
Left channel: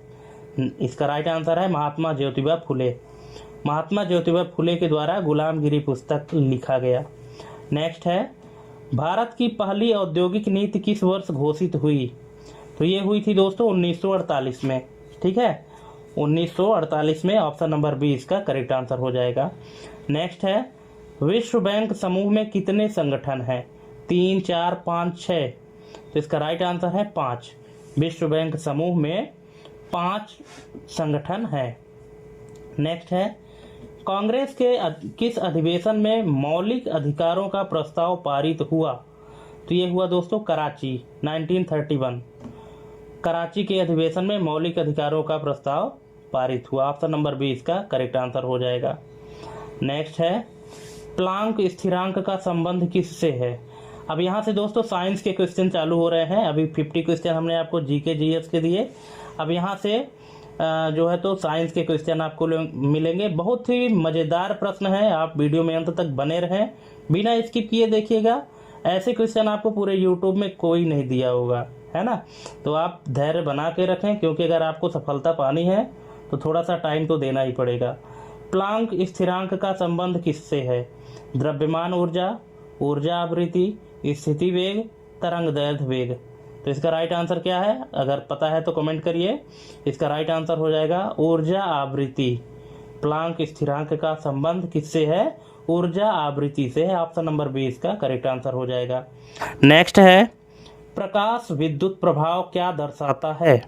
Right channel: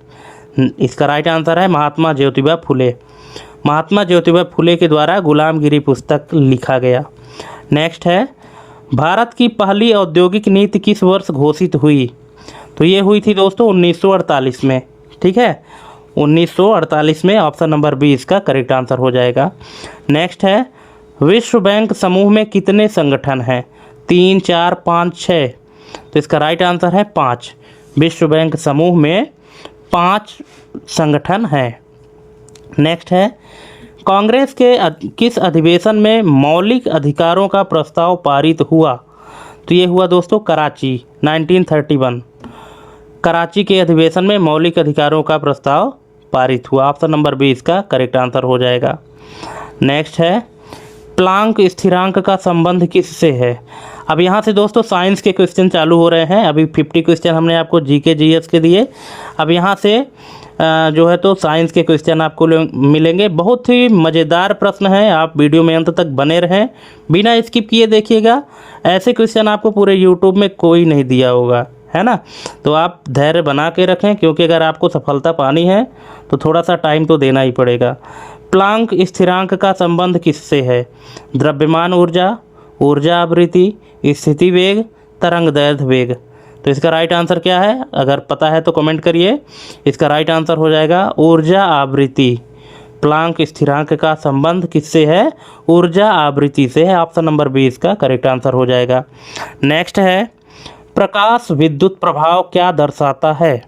इसका राइट आंसर है महात्मा ज्योतिबा फुले। महात्मा ज्योतिबा फुले के द्वारा गुलामगिरी पुस्तक लिखा गया। नेक्स्ट है, भारत की पहली औद्योगिक नीति किस वर्ष घोषित हुई? तो ये हुई थी दोस्तों 1948 में। ठीक है, 1948 में, ऑप्शन नंबर बी इसका करेक्ट आंसर हो जाएगा। नेक्स्ट है, विश्व बैंक समूह में कितने संगठन हैं? 3, 4, 5, 6। तो इसका राइट आंसर है 5। विश्व बैंक समूह में 5 संगठन हैं। नेक्स्ट है, कांग्रेस के किस अधिवेशन में मौलिक अधिकारों का प्रस्ताव पारित हुआ? तो ये हुआ दोस्तों कराची, 1931। कराची के अधिवेशन में मौलिक अधिकारों का प्रस्ताव पारित हुआ, ऑप्शन नंबर बी इसका करेक्ट आंसर हो जाएगा। नेक्स्ट है, प्लांक स्थिरांक का संबंध किससे है? अब यहाँ से दोस्तों साइंस के क्वेश्चन चालू हो रहे हैं। अभी 50 क्वेश्चन हमने आपको GK GS के दिए। अब यहाँ से जो है तो साइंस के क्वेश्चन आपको मिलेंगे। बहुत ही मज़ेदार प्रश्न है, आप वीडियो में अंत तक बने रहें, बिना स्किप किए देखिएगा। ऐसे क्वेश्चन आपको पूरे यूट्यूब में कोई नहीं दिया होगा, है ना। तो आप धैर्य बना के रखें, क्योंकि अगर आपको सफलता पानी है तो थोड़ा सा टाइम तो देना ही पड़ेगा। प्लांक स्थिरांक का संबंध किससे है? द्रव्यमान ऊर्जा, ऊर्जा आवृत्ति, स्थिति वेग, तरंग दैर्ध्य वेग। तो इसका राइट आंसर क्या है? अगर पता है तो कमेंट करिए। इसका राइट आंसर हो जाएगा ऊर्जा आवृत्ति। प्लांक स्थिरांक का संबंध किससे है? ऊर्जा आवृत्ति से है, ऑप्शन नंबर बी इसका करेक्ट आंसर हो जाएगा। नेक्स्ट है, प्रकाश विद्युत प्रभाव क्या दर्शाता है?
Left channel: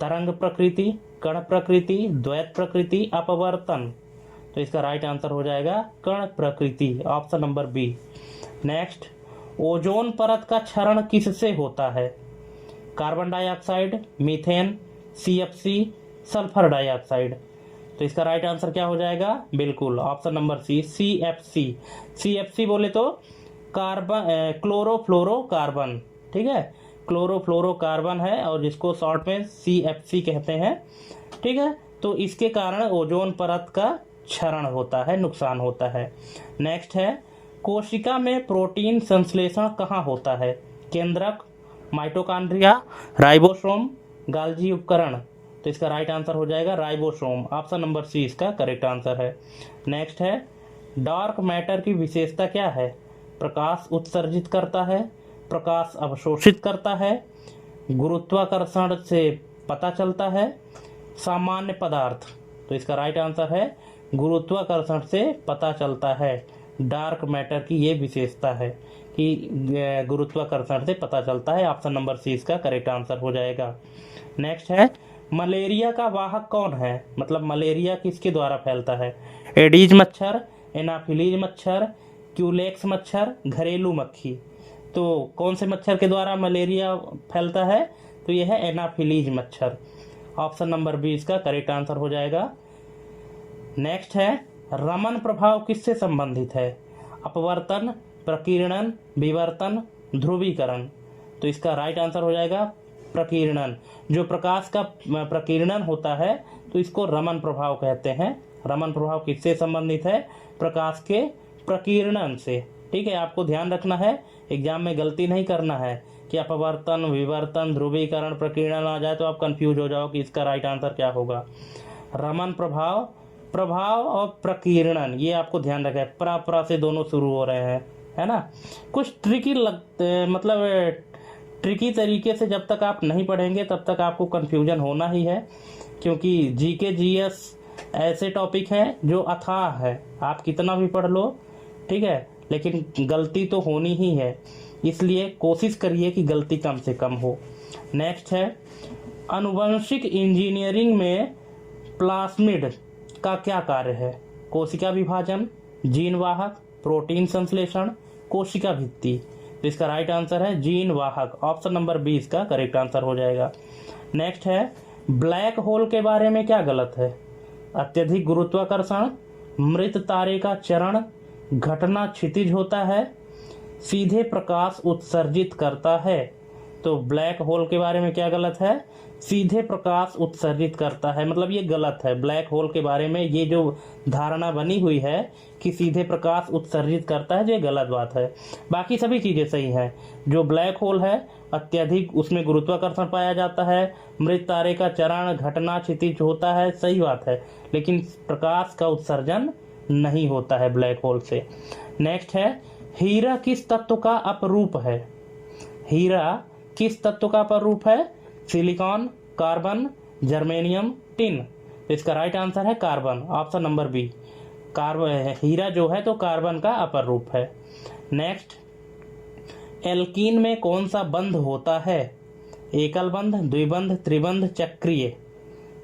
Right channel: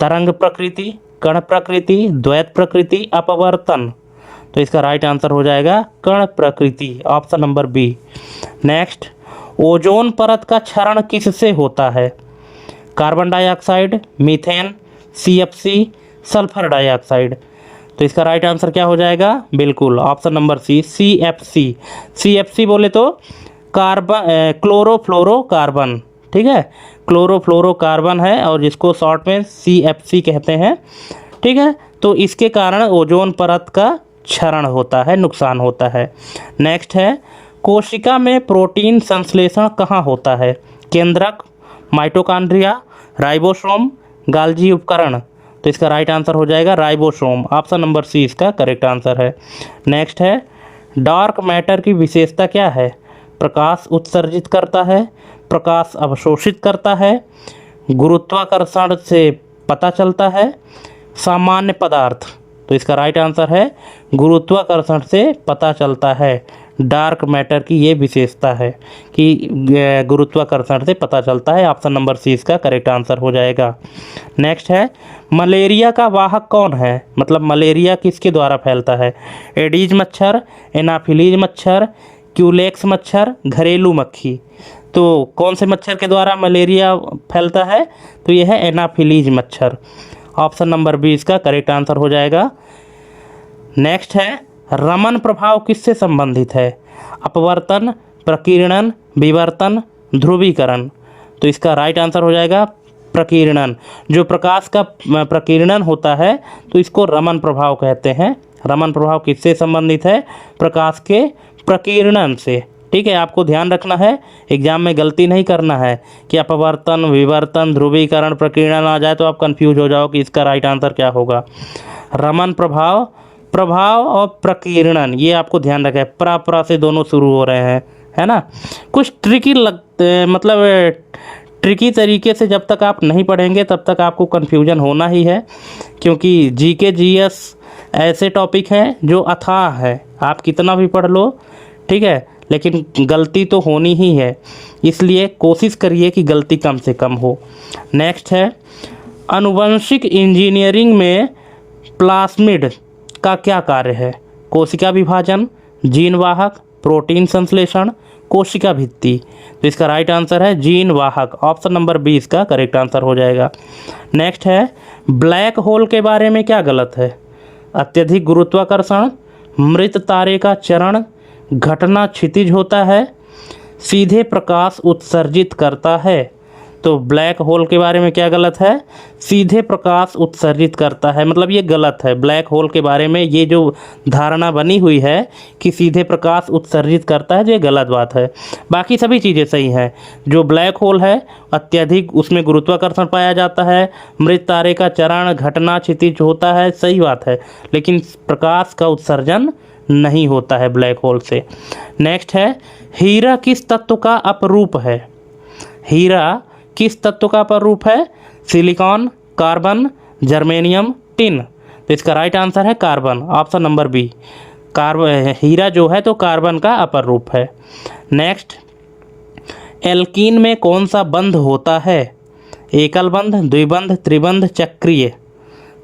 तरंग प्रकृति, कण प्रकृति, द्वैत प्रकृति, अपवर्तन। तो इसका राइट आंसर हो जाएगा कण प्रकृति, option number B. Next, ozone परत का क्षरण किससे होता है? Carbon dioxide, methane, CFC, sulphur dioxide. तो इसका राइट आंसर क्या हो जाएगा? बिल्कुल option number C, CFC। CFC बोले तो क्लोरोफ्लोरोकार्बन। ठीक है, क्लोरोफ्लोरोकार्बन है और जिसको शॉर्ट में CFC कहते हैं। ठीक है, तो इसके कारण ओजोन परत का क्षरण होता है, नुकसान होता है। नेक्स्ट है, कोशिका में प्रोटीन संश्लेषण कहाँ होता है? केंद्रक, माइटोकॉन्ड्रिया, राइबोसोम, गाल्जी उपकरण। तो इसका राइट आंसर हो जाएगा राइबोसोम, ऑप्शन नंबर सी इसका करेक्ट आंसर है। नेक्स्ट है, डार्क मैटर की विशेषता क्या है? प्रकाश उत्सर्जित करता है, प्रकाश अवशोषित करता है, गुरुत्वाकर्षण से पता चलता है, सामान्य पदार्थ। तो इसका राइट आंसर है गुरुत्वाकर्षण से पता चलता है। डार्क मैटर की ये विशेषता है कि गुरुत्वाकर्षण से पता चलता है। ऑप्शन नंबर सी इसका करेक्ट आंसर हो जाएगा। नेक्स्ट है, मलेरिया का वाहक कौन है, मतलब मलेरिया किसके द्वारा फैलता है? एडीज मच्छर, एनाफिलीज मच्छर, क्यूलेक्स मच्छर, घरेलू मक्खी। तो कौन से मच्छर के द्वारा मलेरिया फैलता है? तो यह है एनाफिलीज मच्छर। ऑप्शन नंबर बी इसका करेक्ट आंसर हो जाएगा। नेक्स्ट है, रमन प्रभाव किससे संबंधित है? अपवर्तन, प्रकीर्णन, विवर्तन, ध्रुवीकरण। तो इसका राइट आंसर हो जाएगा प्रकीर्णन। जो प्रकाश का प्रकीर्णन होता है तो इसको रमन प्रभाव कहते हैं। रमन प्रभाव किससे संबंधित है? प्रकाश के प्रकीर्णन से। ठीक है, आपको ध्यान रखना है, एग्जाम में गलती नहीं करना है कि अपवर्तन, विवर्तन, ध्रुवीकरण, प्रकीर्णन आ जाए तो आप कंफ्यूज हो जाओ कि इसका राइट आंसर क्या होगा। रमन प्रभाव, प्रभाव और प्रकीर्णन, ये आपको ध्यान रखना है। प्रा से दोनों शुरू हो रहे हैं, है ना। कुछ ट्रिकी मतलब ट्रिकी तरीके से जब तक आप नहीं पढ़ेंगे तब तक आपको कन्फ्यूजन होना ही है, क्योंकि जीके जीएस ऐसे टॉपिक हैं जो अथाह है। आप कितना भी पढ़ लो, ठीक है, लेकिन गलती तो होनी ही है, इसलिए कोशिश करिए कि गलती कम से कम हो। नेक्स्ट है, आनुवंशिक इंजीनियरिंग में प्लास्मिड का क्या कार्य है? कोशिका विभाजन, जीन वाहक, प्रोटीन संश्लेषण, कोशिका भित्ति। तो इसका राइट आंसर है जीन वाहक। ऑप्शन नंबर बी इसका करेक्ट आंसर हो जाएगा। नेक्स्ट है, ब्लैक होल के बारे में क्या गलत है? अत्यधिक गुरुत्वाकर्षण, मृत तारे का चरण, घटना क्षितिज होता है, सीधे प्रकाश उत्सर्जित करता है। तो ब्लैक होल के बारे में क्या गलत है? सीधे प्रकाश उत्सर्जित करता है, मतलब ये गलत है। ब्लैक होल के बारे में ये जो धारणा बनी हुई है कि सीधे प्रकाश उत्सर्जित करता है, ये गलत बात है। बाकी सभी चीज़ें सही हैं। जो ब्लैक होल है अत्यधिक उसमें गुरुत्वाकर्षण पाया जाता है, मृत तारे का चरण, घटना क्षितिज होता है, सही बात है, लेकिन प्रकाश का उत्सर्जन नहीं होता है ब्लैक होल से। नेक्स्ट है, हीरा किस तत्व का अपरूप है? हीरा किस तत्व का अपरूप है? Silicon, carbon, germanium, tin. तो इसका राइट आंसर है कार्बन। Option number B. हीरा जो है तो कार्बन का अपर रूप है। नेक्स्ट, एल्कीन में कौन सा बंध होता है? एकल बंध, द्विबंध, त्रिबंध, चक्रीय।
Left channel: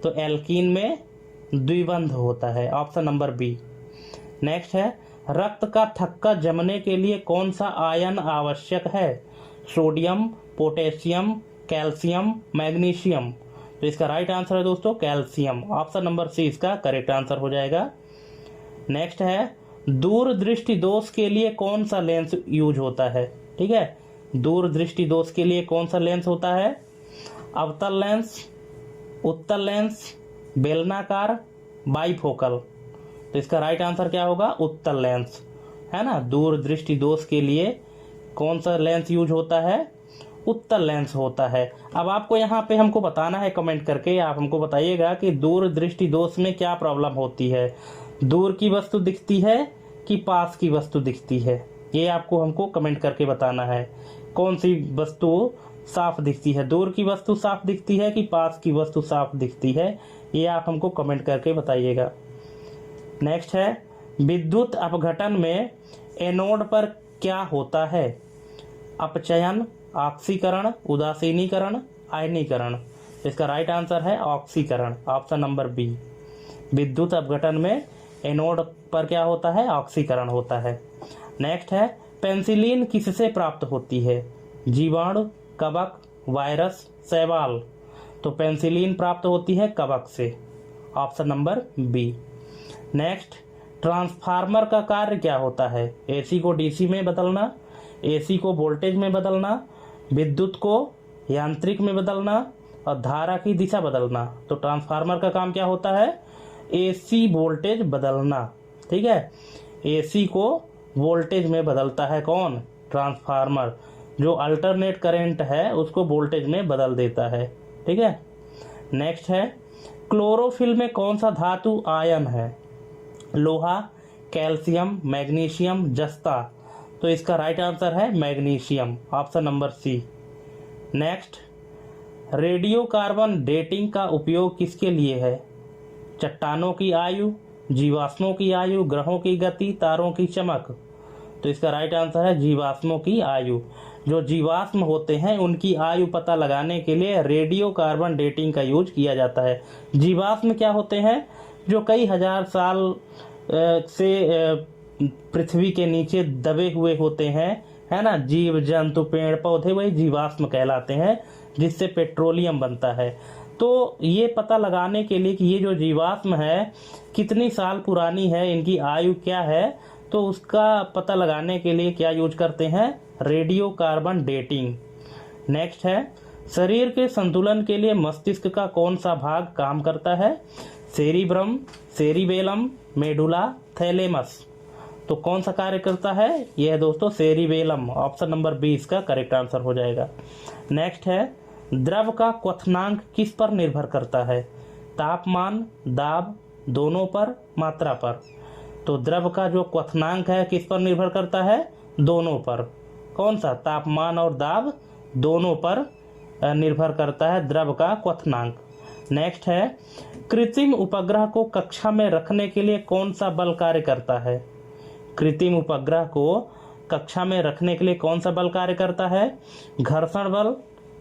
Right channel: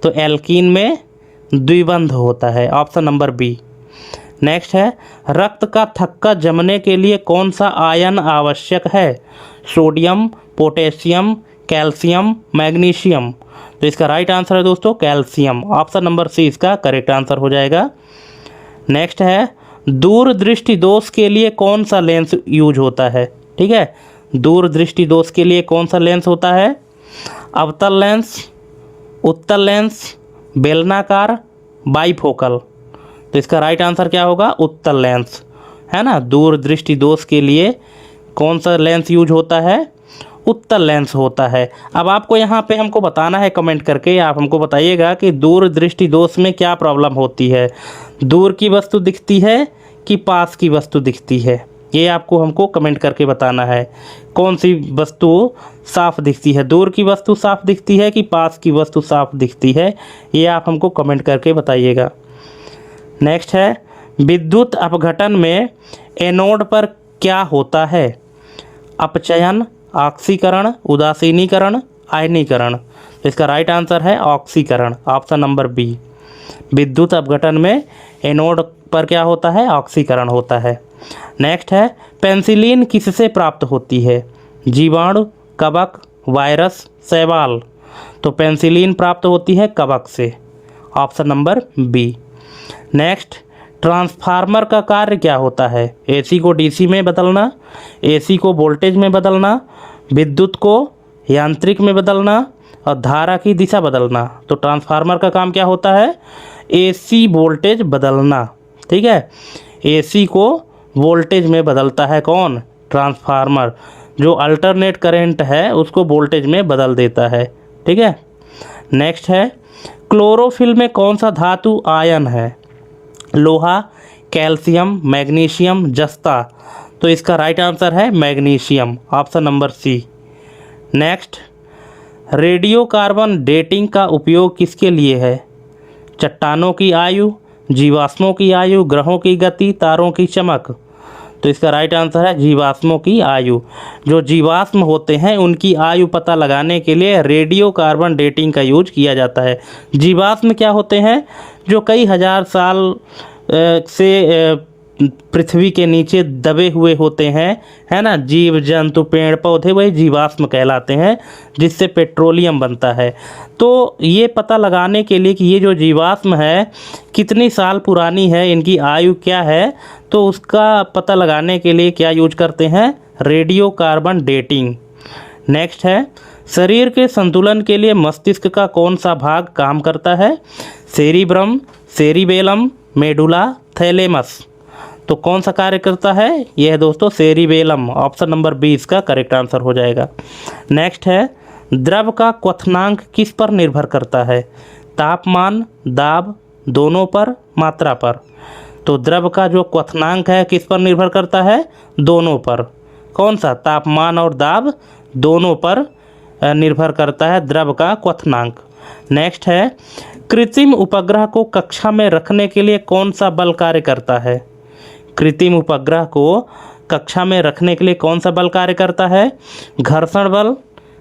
तो एल्कीन में द्विबंध होता है। Option number B. नेक्स्ट है, रक्त का थक्का जमने के लिए कौन सा आयन आवश्यक है? Sodium, potassium, calcium, magnesium. तो इसका राइट आंसर है दोस्तों कैल्शियम। ऑप्शन नंबर सी इसका करेक्ट आंसर हो जाएगा। नेक्स्ट है, दूरदृष्टि दोष के लिए कौन सा लेंस यूज होता है? ठीक है, दूरदृष्टि दोष के लिए कौन सा लेंस होता है? अवतल लेंस, उत्तल लेंस, बेलनाकार, बाइफोकल। तो इसका राइट आंसर क्या होगा? उत्तल लेंस, है ना। दूरदृष्टि दोष के लिए कौन सा लेंस यूज होता है? उत्तल लेंस होता है। अब आपको यहाँ पे हमको बताना है कमेंट करके, आप हमको बताइएगा कि दूरदृष्टि दोष में क्या प्रॉब्लम होती है। दूर की वस्तु दिखती है कि पास की वस्तु दिखती है? ये आपको हमको कमेंट करके बताना है। कौन सी वस्तु साफ दिखती है? दूर की वस्तु साफ दिखती है कि पास की वस्तु साफ दिखती है? ये आप हमको कमेंट करके बताइएगा। नेक्स्ट है, विद्युत अपघटन में एनोड पर क्या होता है? अपचयन, ऑक्सीकरण, उदासीनीकरण, आयनीकरण। तो इसका राइट आंसर है ऑक्सीकरण। Option number B. विद्युत अपघटन में एनोड पर क्या होता है? ऑक्सीकरण होता है। नेक्स्ट है, पेनिसिलिन किससे प्राप्त होती है? जीवाणु, कवक, वायरस, शैवाल। तो पेनिसिलिन प्राप्त होती है कवक से। Option number B. Next, transformer का कार्य क्या होता है? एसी को डीसी में बदलना, एसी को वोल्टेज में बदलना, विद्युत को यांत्रिक में बदलना और धारा की दिशा बदलना। तो ट्रांसफार्मर का काम क्या होता है? एसी वोल्टेज बदलना। ठीक है, एसी को वोल्टेज में बदलता है कौन? ट्रांसफार्मर। जो अल्टरनेट करंट है उसको वोल्टेज में बदल देता है। ठीक है। नेक्स्ट है, क्लोरोफिल में कौन सा धातु आयन है? लोहा, कैल्शियम, मैग्नीशियम, जस्ता। तो इसका राइट आंसर है magnesium. Option number C. Next, radio carbon dating का उपयोग किसके लिए है? चट्टानों की आयु, जीवाश्मों की आयु, ग्रहों की गति, तारों की चमक। तो इसका राइट आंसर है जीवाश्मों की आयु। जो जीवाश्म होते हैं उनकी आयु पता लगाने के लिए रेडियो कार्बन डेटिंग का यूज किया जाता है। जीवाश्म क्या होते हैं? जो कई हजार साल से पृथ्वी के नीचे दबे हुए होते हैं, है ना, जीव जंतु पेड़ पौधे, वही जीवाश्म कहलाते हैं, जिससे पेट्रोलियम बनता है। तो ये पता लगाने के लिए कि ये जो जीवाश्म है कितनी साल पुरानी है, इनकी आयु क्या है, तो उसका पता लगाने के लिए क्या यूज करते हैं? Radio carbon dating. नेक्स्ट है, शरीर के संतुलन के लिए मस्तिष्क का कौन सा भाग काम करता है? Cerebrum, cerebellum, medulla, thalamus. तो कौन सा कार्य करता है? यह है दोस्तों सेरिबेलम। ऑप्शन नंबर 20 का करेक्ट आंसर हो जाएगा। नेक्स्ट है, द्रव का क्वथनांक किस पर निर्भर करता है? तापमान, दाब, दोनों पर, मात्रा पर। तो द्रव का जो क्वथनांक है किस पर निर्भर करता है? दोनों पर। कौन सा? तापमान और दाब दोनों पर निर्भर करता है द्रव का क्वथनांक। नेक्स्ट है, कृत्रिम उपग्रह को कक्षा में रखने के लिए कौन सा बल कार्य करता है? कृत्रिम उपग्रह को कक्षा में रखने के लिए कौन सा बल कार्य करता है? घर्षण बल,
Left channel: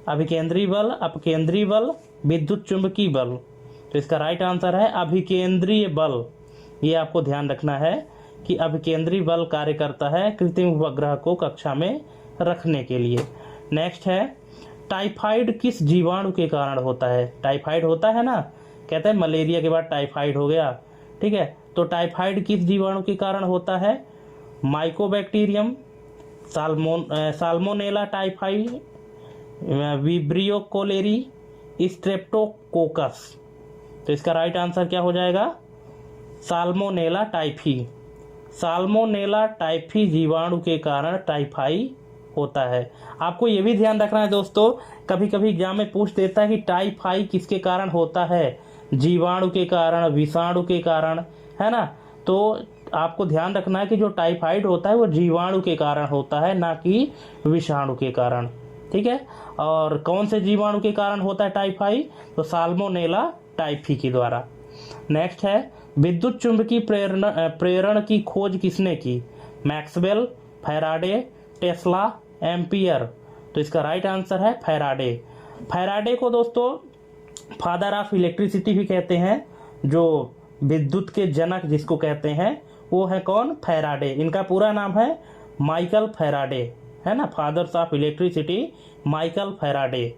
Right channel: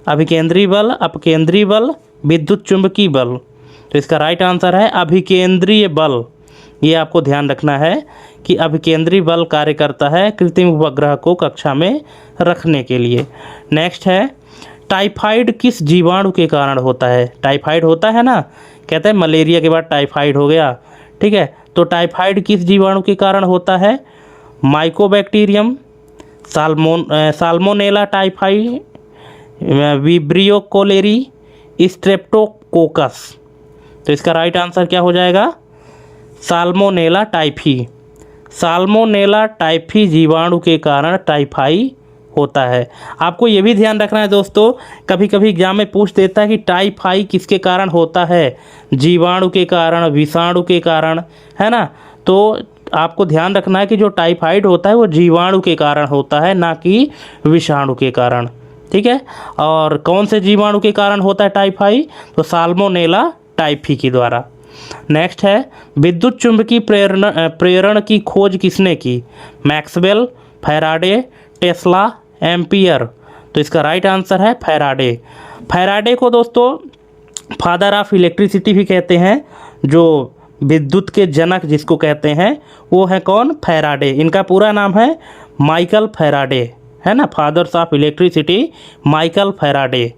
अभिकेंद्री बल, अपकेंद्री बल, विद्युत चुंबकीय बल। तो इसका राइट आंसर है अभिकेंद्रीय बल। ये आपको ध्यान रखना है कि अभिकेंद्री बल कार्य करता है कृत्रिम उपग्रह को कक्षा में रखने के लिए। नेक्स्ट है, टाइफाइड किस जीवाणु के कारण होता है? टाइफाइड होता है ना, कहते हैं मलेरिया के बाद टाइफाइड हो गया, ठीक है, तो टाइफाइड किस जीवाणु के कारण होता है? Mycobacterium, Salmonella typhi, Vibrio cholerae, Streptococcus. तो इसका राइट आंसर क्या हो जाएगा? Salmonella typhi. साल्मोनेला टाइफी जीवाणु के कारण टाइफाई होता है। आपको ये भी ध्यान रखना है दोस्तों, कभी कभी एग्जाम में पूछ देता है कि टाइफाई किसके कारण होता है? जीवाणु के कारण, विषाणु के कारण, है ना। तो आपको ध्यान रखना है कि जो टाइफाइड होता है वो जीवाणु के कारण होता है, ना कि विषाणु के कारण, ठीक है। और कौन से जीवाणु के कारण होता है टाइफाई? तो साल्मोनेला टाइफी के द्वारा। नेक्स्ट है, विद्युत चुंबकीय प्रेरण की खोज किसने की? Maxwell, Faraday, Tesla, ampere. तो इसका राइट आंसर है फैराडे। फैराडे को दोस्तों फादर ऑफ इलेक्ट्रिसिटी भी कहते हैं। जो विद्युत के जनक जिसको कहते हैं वो है कौन? फैराडे। इनका पूरा नाम है माइकल फैराडे, है ना, fathers of electricity Michael Faraday.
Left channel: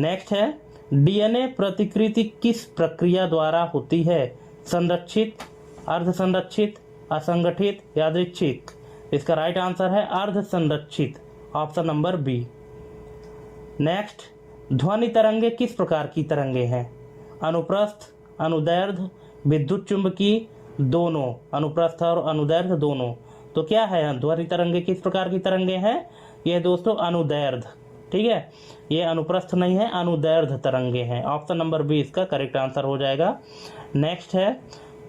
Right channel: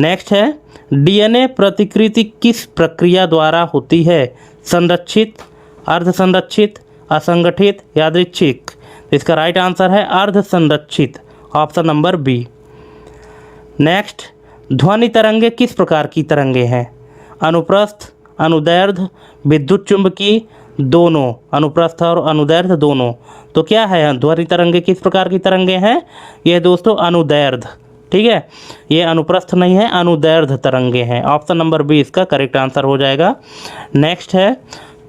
Next है, डीएनए प्रतिकृति किस प्रक्रिया द्वारा होती है? संरक्षित, अर्धसंरक्षित, असंगठित, यादृच्छिक। इसका राइट आंसर है अर्धसंरक्षित। Option number B. नेक्स्ट, ध्वनि तरंगे किस प्रकार की तरंगे हैं? अनुप्रस्थ, अनुदैर्ध्य, विद्युत चुंबकीय, दोनों। अनुप्रस्थ और अनुदैर्ध्य दोनों। तो क्या है ध्वनि तरंगे किस प्रकार की तरंगे हैं? यह दोस्तों अनुदैर्ध्य, ठीक है, ये अनुप्रस्थ नहीं है, अनुदैर्ध्य तरंगे हैं। ऑप्शन नंबर बी इसका करेक्ट आंसर हो जाएगा। नेक्स्ट है,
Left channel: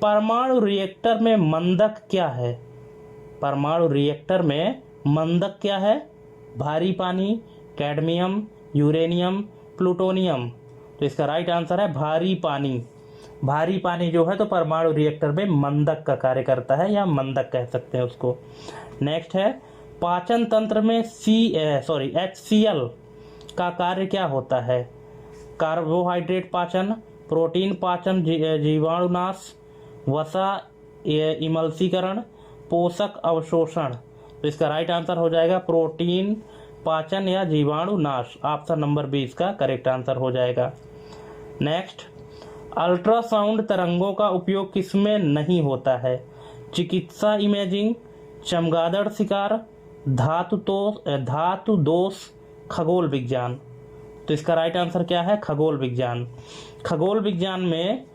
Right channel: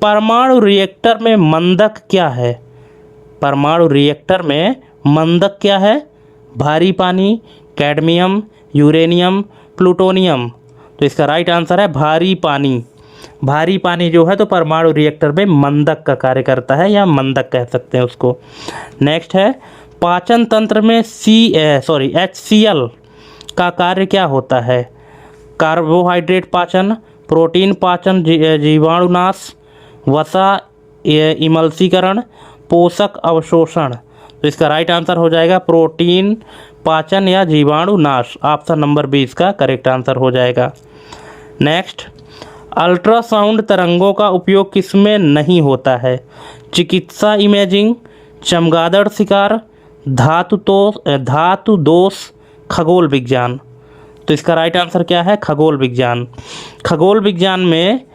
परमाणु रिएक्टर में मंदक क्या है? परमाणु रिएक्टर में मंदक क्या है? भारी पानी, कैडमियम, यूरेनियम, प्लूटोनियम। तो इसका राइट आंसर है भारी पानी। भारी पानी जो है तो परमाणु रिएक्टर में मंदक का कार्य करता है, या मंदक कह सकते हैं उसको। नेक्स्ट है, पाचन तंत्र में HCl का कार्य क्या होता है? कार्बोहाइड्रेट पाचन, प्रोटीन पाचन, जीवाणुनाश, वसा इमल्सीकरण, पोषक अवशोषण। तो इसका राइट आंसर हो जाएगा प्रोटीन पाचन या जीवाणुनाश। ऑप्शन नंबर 20 का करेक्ट आंसर हो जाएगा। नेक्स्ट, अल्ट्रासाउंड तरंगों का उपयोग किसमें नहीं होता है? चिकित्सा इमेजिंग, चमगादड़ शिकार, धातु दोष, खगोल विज्ञान। तो इसका राइट आंसर क्या है? खगोल विज्ञान। खगोल विज्ञान में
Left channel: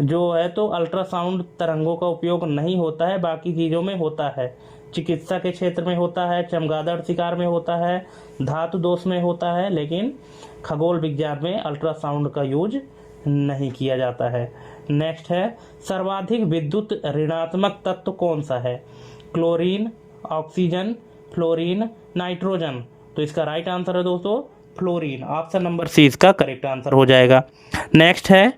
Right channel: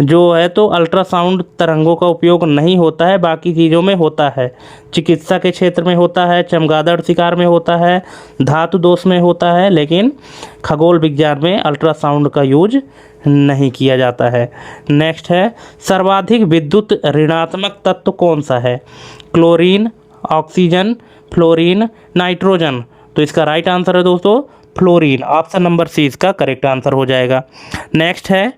जो है तो अल्ट्रासाउंड तरंगों का उपयोग नहीं होता है, बाकी चीज़ों में होता है। चिकित्सा के क्षेत्र में होता है, चमगादड़ शिकार में होता है, धातु दोष में होता है, लेकिन खगोल विज्ञान में अल्ट्रासाउंड का यूज नहीं किया जाता है। नेक्स्ट है, सर्वाधिक विद्युत ऋणात्मक तत्व कौन सा है? Chlorine, oxygen, fluorine, nitrogen. तो इसका राइट आंसर है दोस्तों फ्लोरीन। ऑप्शन नंबर सी इसका करेक्ट आंसर हो जाएगा। नेक्स्ट है,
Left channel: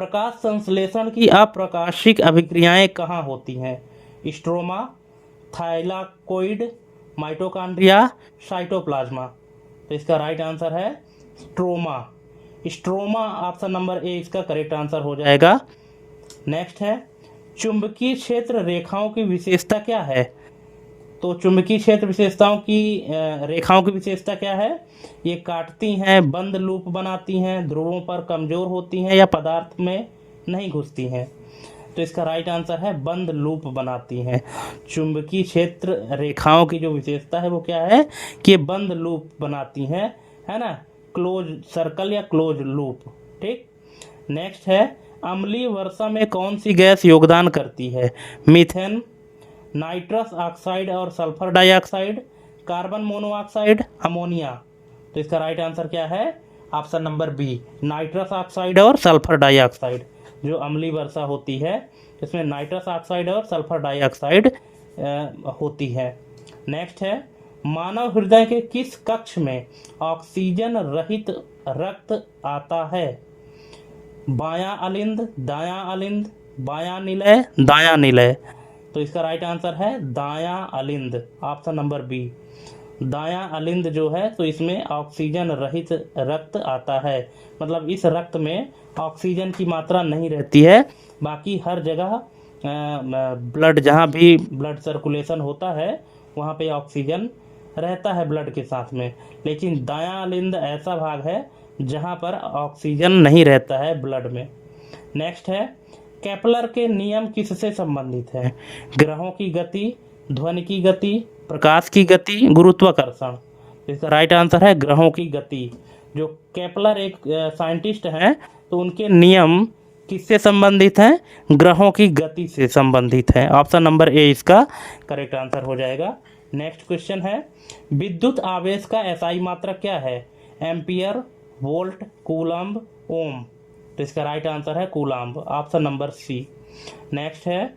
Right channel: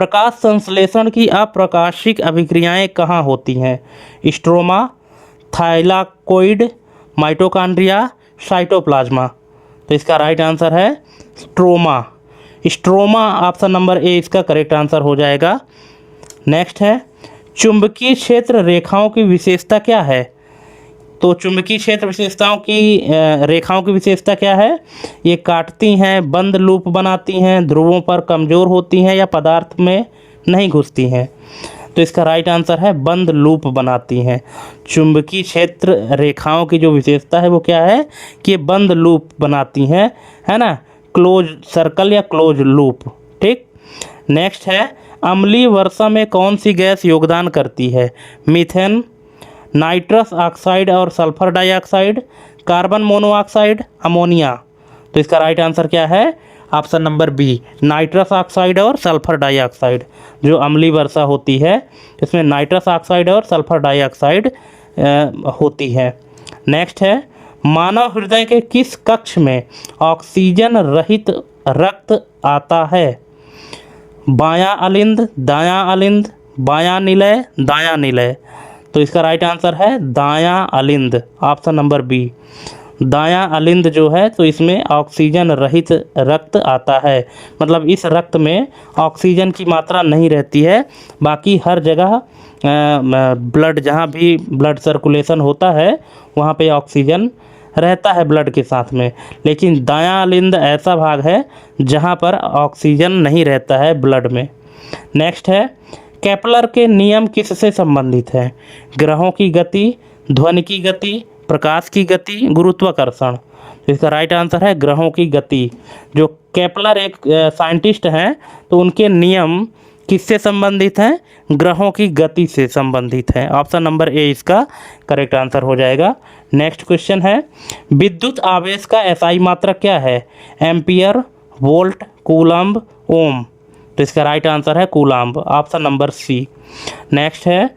प्रकाश संश्लेषण की अप्रकाशिक अभिक्रियाएं कहाँ होती हैं? Stroma, thylakoid, mitochondria, cytoplasm. तो इसका राइट आंसर है stroma. Stroma option number A इसका करेक्ट आंसर हो जाएगा। नेक्स्ट है चुंबकीय क्षेत्र रेखाओं की विशेषता क्या है? तो चुंबकीय क्षेत्र विशेषताओं की रेखाओं की विशेषता क्या है? ये काटती हैं, बंद लूप बनाती हैं, ध्रुवों पर कमज़ोर होती हैं या पदार्थ में नहीं घुसती हैं। तो इसका राइट आंसर है बंद लूप बनाती हैं। चुंबकीय क्षेत्र रेखाओं की जो विशेषता है वो क्या है कि ये बंद लूप बनाती हैं, है ना, क्लोज सर्कल या क्लोज लूप। ठीक। नेक्स्ट है अम्लीय वर्षा में कौन सी गैस योगदान करती है? मीथेन, नाइट्रस ऑक्साइड और sulphur dioxide, carbon monoxide, ammonia. तो इसका राइट आंसर क्या है? Option number B, nitrous oxide और सल्फर डाइऑक्साइड। जो अम्लीय वर्षा होती है इसमें नाइट्रस ऑक्साइड और सल्फर डाइऑक्साइड होती है। नेक्स्ट है मानव हृदय के किस कक्ष में ऑक्सीजन रहित रक्त आता है? बायां अलिंद, दायां अलिंद, बायां निलय, दायां निलय। तो इसका राइट आंसर है दायां अलिंद, ऑप्शन नंबर बी। दायां अलिंद जो है तो इसमें ऑक्सीजन रहित रक्त आता है, मतलब इस रक्त में ऑक्सीजन की मात्रा नहीं रहती है। बाकी हर जगह ब्लड, जहाँ भी ब्लड सर्कुलेशन होता है वहाँ पे ऑक्सीजन रहता है ब्लड के साथ में, लेकिन दायां अलिंद ऐसा भाग है जहाँ पर ऑक्सीजन नहीं रहता है ब्लड में। नेक्स्ट है केपलर के नियम किससे संबंधित हैं? ग्रहों की गति, ध्वनि की गति, प्रकाश की गति, गुरुत्वाकर्षण। तो इसका राइट आंसर है ग्रहों की गति। जो केपलर एक साइंटिस्ट हैं तो उनके नियम किससे संबंधित हैं? ग्रहों की गति से संबंधित है। ऑप्शन नंबर ए इसका करेक्ट आंसर हो जाएगा। नेक्स्ट क्वेश्चन है विद्युत आवेश का एसआई मात्रक क्या है? Ampere, volt, coulomb, ohm. तो इसका राइट आंसर है coulomb, option number C. Next है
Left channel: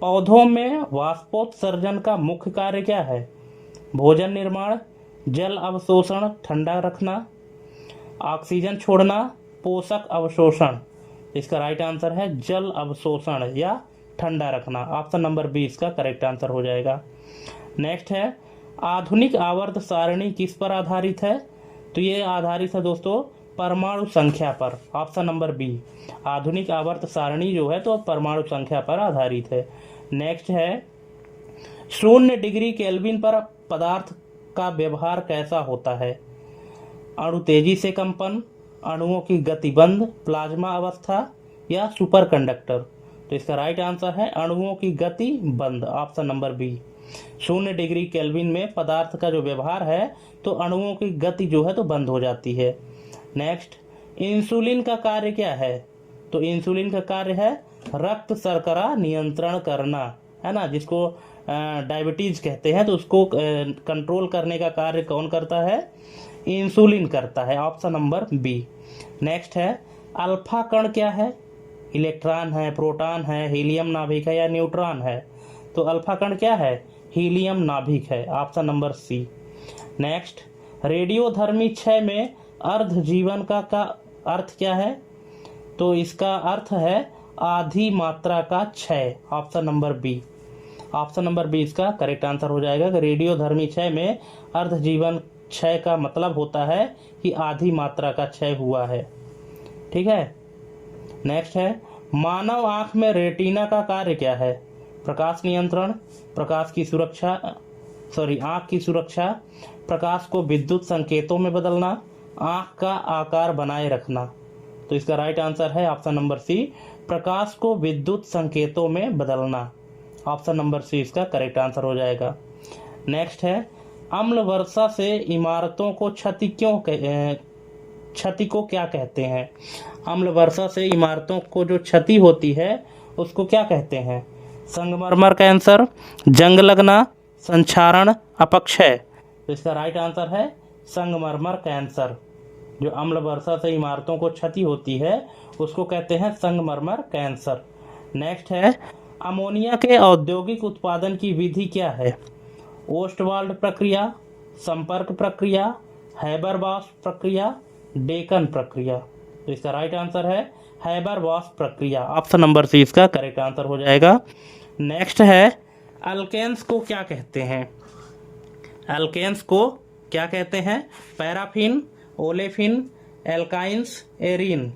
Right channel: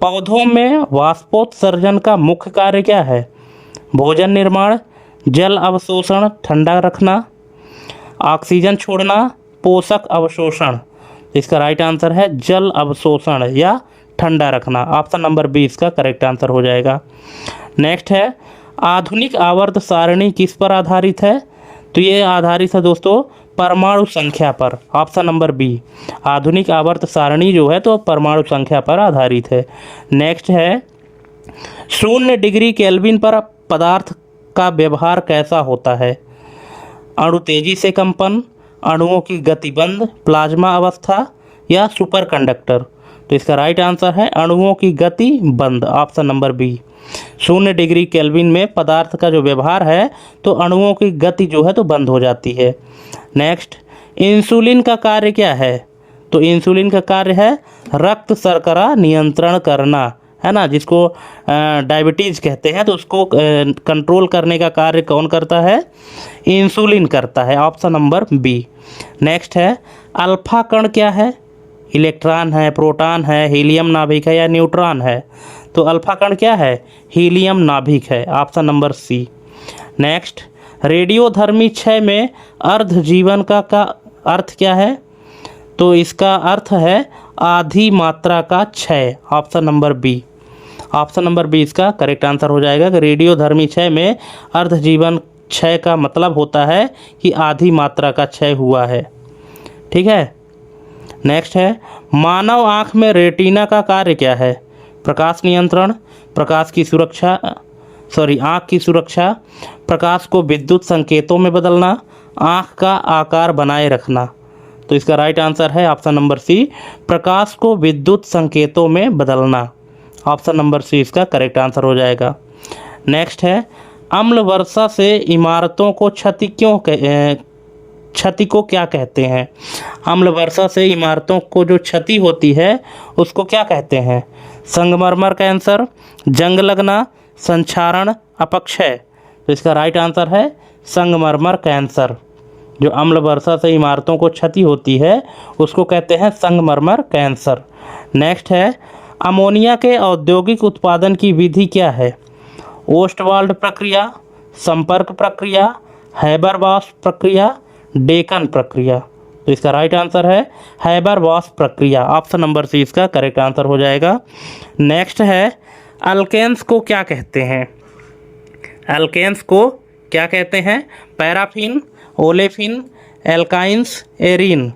पौधों में वाष्पोत्सर्जन का मुख्य कार्य क्या है? भोजन निर्माण, जल अवशोषण, ठंडा रखना, ऑक्सीजन छोड़ना, पोषक अवशोषण। इसका राइट आंसर है जल अवशोषण या ठंडा रखना, ऑप्शन नंबर बी इसका करेक्ट आंसर हो जाएगा। नेक्स्ट है आधुनिक आवर्त सारणी किस पर आधारित है? तो ये आधारित है दोस्तों परमाणु संख्या पर, ऑप्शन नंबर बी। आधुनिक आवर्त सारणी जो है तो परमाणु संख्या पर आधारित है। नेक्स्ट है 0 डिग्री केल्विन पर पदार्थ का व्यवहार कैसा होता है? अणु तेजी से कंपन, अणुओं की गति बंद, प्लाज्मा अवस्था या सुपर कंडक्टर। तो इसका राइट आंसर है अणुओं की गति बंद, option number B. 0 degree Kelvin में पदार्थ का जो व्यवहार है तो अणुओं की गति जो है तो बंद हो जाती है। नेक्स्ट इंसुलिन का कार्य क्या है? तो इंसुलिन का कार्य है रक्त शर्करा नियंत्रण करना, है ना, जिसको डायबिटीज़ कहते हैं, तो उसको कंट्रोल करने का कार्य कौन करता है? इंसुलिन करता है, ऑप्शन नंबर बी। नेक्स्ट है अल्फा कण क्या है? इलेक्ट्रॉन है, प्रोटॉन है, हीलियम नाभिक है या न्यूट्रॉन है? तो अल्फा कण क्या है? हीलियम नाभिक है, ऑप्शन नंबर सी। नेक्स्ट रेडियोधर्मी क्षय में अर्ध जीवन का अर्थ क्या है? तो इसका अर्थ है आधी मात्रा का क्षय, option number B. Option number B इसका करेक्ट आंसर हो जाएगा कि रेडियोधर्मी क्षय में अर्ध जीवन क्षय का मतलब होता है कि आधी मात्रा का क्षय हुआ है। ठीक है। नेक्स्ट है मानव आँख में रेटिना का कार्य क्या है? प्रकाश नियंत्रण, प्रकाश की सुरक्षा, आँख की सुरक्षा, प्रकाश को विद्युत संकेतों में बदलना, आँख का आकार बनाए रखना। तो इसका राइट आंसर है ऑप्शन नंबर सी, प्रकाश को विद्युत संकेतों में बदलना, ऑप्शन नंबर सी इसका करेक्ट आंसर हो जाएगा। नेक्स्ट है अम्ल वर्षा से इमारतों को क्षति को क्या कहते हैं? अम्ल वर्षा से इमारतों को जो क्षति होती है उसको क्या कहते हैं? संगमरमर कैंसर, जंग लगना, संक्षारण, अपक्षय। तो इसका राइट आंसर है संगमरमर कैंसर। जो अम्ल वर्षा से इमारतों को क्षति होती है उसको कहते हैं संगमरमर कैंसर। नेक्स्ट है अमोनिया के औद्योगिक उत्पादन की विधि क्या है? ओस्टवाल्ड प्रक्रिया, संपर्क प्रक्रिया, हैबर बॉश प्रक्रिया, डेकन प्रक्रिया। तो इसका राइट आंसर है हैबर-बॉश प्रक्रिया। ऑप्शन नंबर सी इसका करेक्ट आंसर हो जाएगा। नेक्स्ट है अल्केन्स को क्या कहते हैं? अल्केन्स को क्या कहते हैं? Paraffin, olefin, alkynes, arene.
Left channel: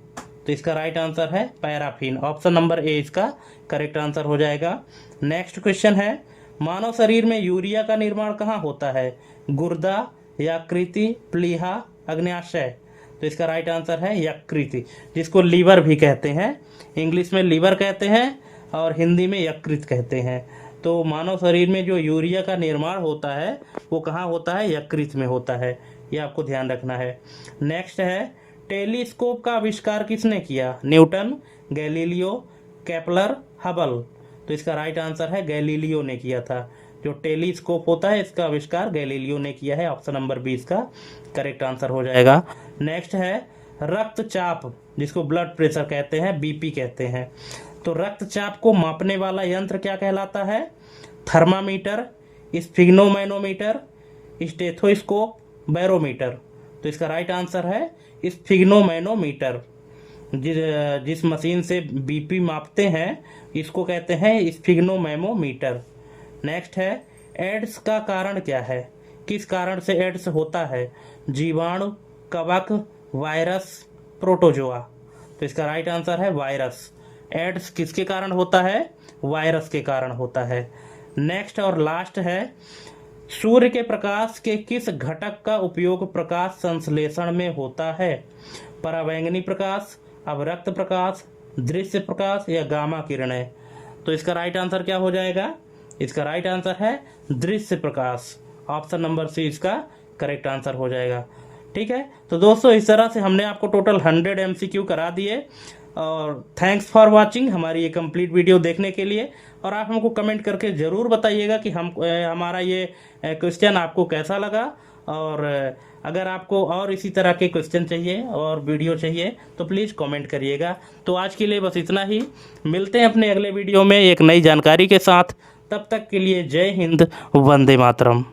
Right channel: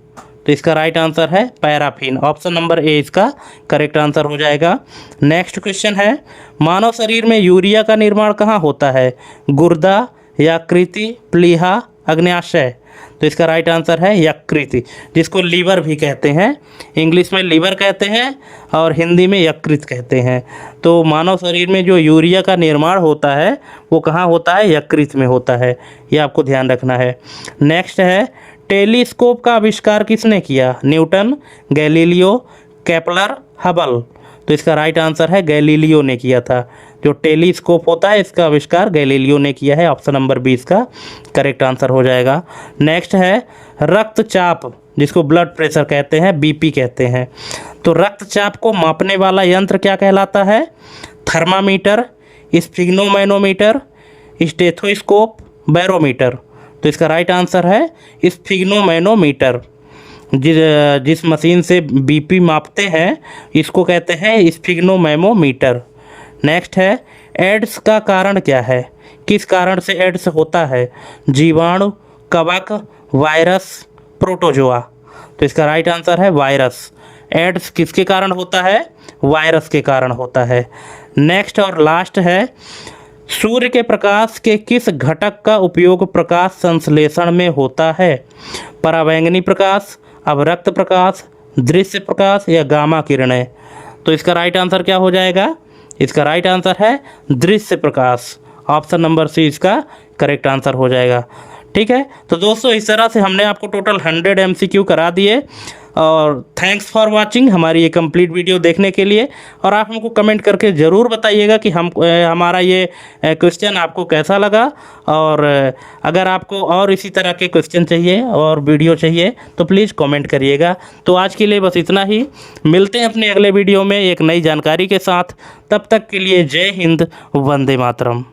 तो इसका राइट आंसर है पैराफिन। ऑप्शन नंबर ए इसका करेक्ट आंसर हो जाएगा। नेक्स्ट क्वेश्चन है मानव शरीर में यूरिया का निर्माण कहाँ होता है? गुर्दा, यकृति, प्लीहा, अग्न्याशय। तो इसका राइट आंसर है यकृति, जिसको लीवर भी कहते हैं। इंग्लिश में लीवर कहते हैं और हिंदी में यकृत कहते हैं। तो मानव शरीर में जो यूरिया का निर्माण होता है वो कहाँ होता है? यकृत में होता है। ये आपको ध्यान रखना है। नेक्स्ट है टेलीस्कोप का आविष्कार किसने किया? Newton, Galileo, Kepler, Hubble. तो इसका राइट आंसर है गैलीलियो ने किया था। जो टेलीस्कोप होता है इसका आविष्कार गैलीलियो ने किया है। ऑप्शन नंबर 20 का करेक्ट आंसर हो जाएगा। नेक्स्ट है रक्तचाप, जिसको ब्लड प्रेशर कहते हैं, बीपी कहते हैं। तो रक्तचाप को मापने वाला यंत्र क्या कहलाता है? Thermometer, sphygmomanometer, stethoscope, barometer. तो इसका राइट आंसर है स्फिग्नोमैनोमीटर। जिस मशीन से बीपी मापते हैं इसको कहते हैं स्फिग्नोमैनोमीटर। नेक्स्ट है एड्स का कारण क्या है? किस कारण से एड्स होता है? जीवाणु, कवक, वायरस, प्रोटोजोआ। तो इसका राइट आंसर है वायरस। एड्स किसके कारण होता है? वायरस के कारण होता है। नेक्स्ट और लास्ट है सूर्य के प्रकाश के किस घटक का उपयोग प्रकाश संश्लेषण में होता है? पराबैंगनी प्रकाश, अवरक्त प्रकाश, दृश्य प्रकाश या गामा किरणें। तो इसका राइट आंसर क्या हो जाएगा? इसका राइट आंसर है दृश्य प्रकाश। ऑप्शन नंबर सी इसका करेक्ट आंसर हो जाएगा। ठीक है, तो दोस्तों इस तरह से हमने आपको टोटल 100 MCQ करा दिए। और थैंक्स फॉर वाचिंग हमारी ये कंप्लीट वीडियो देखने के लिए। और आप हमको कमेंट करके ज़रूर बताइएगा कि हमारा ये क्वेश्चन आपको कैसा लगा। और अगर आपको और इसी तरह के क्वेश्चन चाहिए और वीडियो चाहिए तो प्लीज़ कमेंट करिएगा। तो आज के लिए बस इतना ही। मिलते हैं अपने अगले वीडियो में एक नई जानकारी के साथ। तब तक के लिए जय हिंद, वंदे मातरम।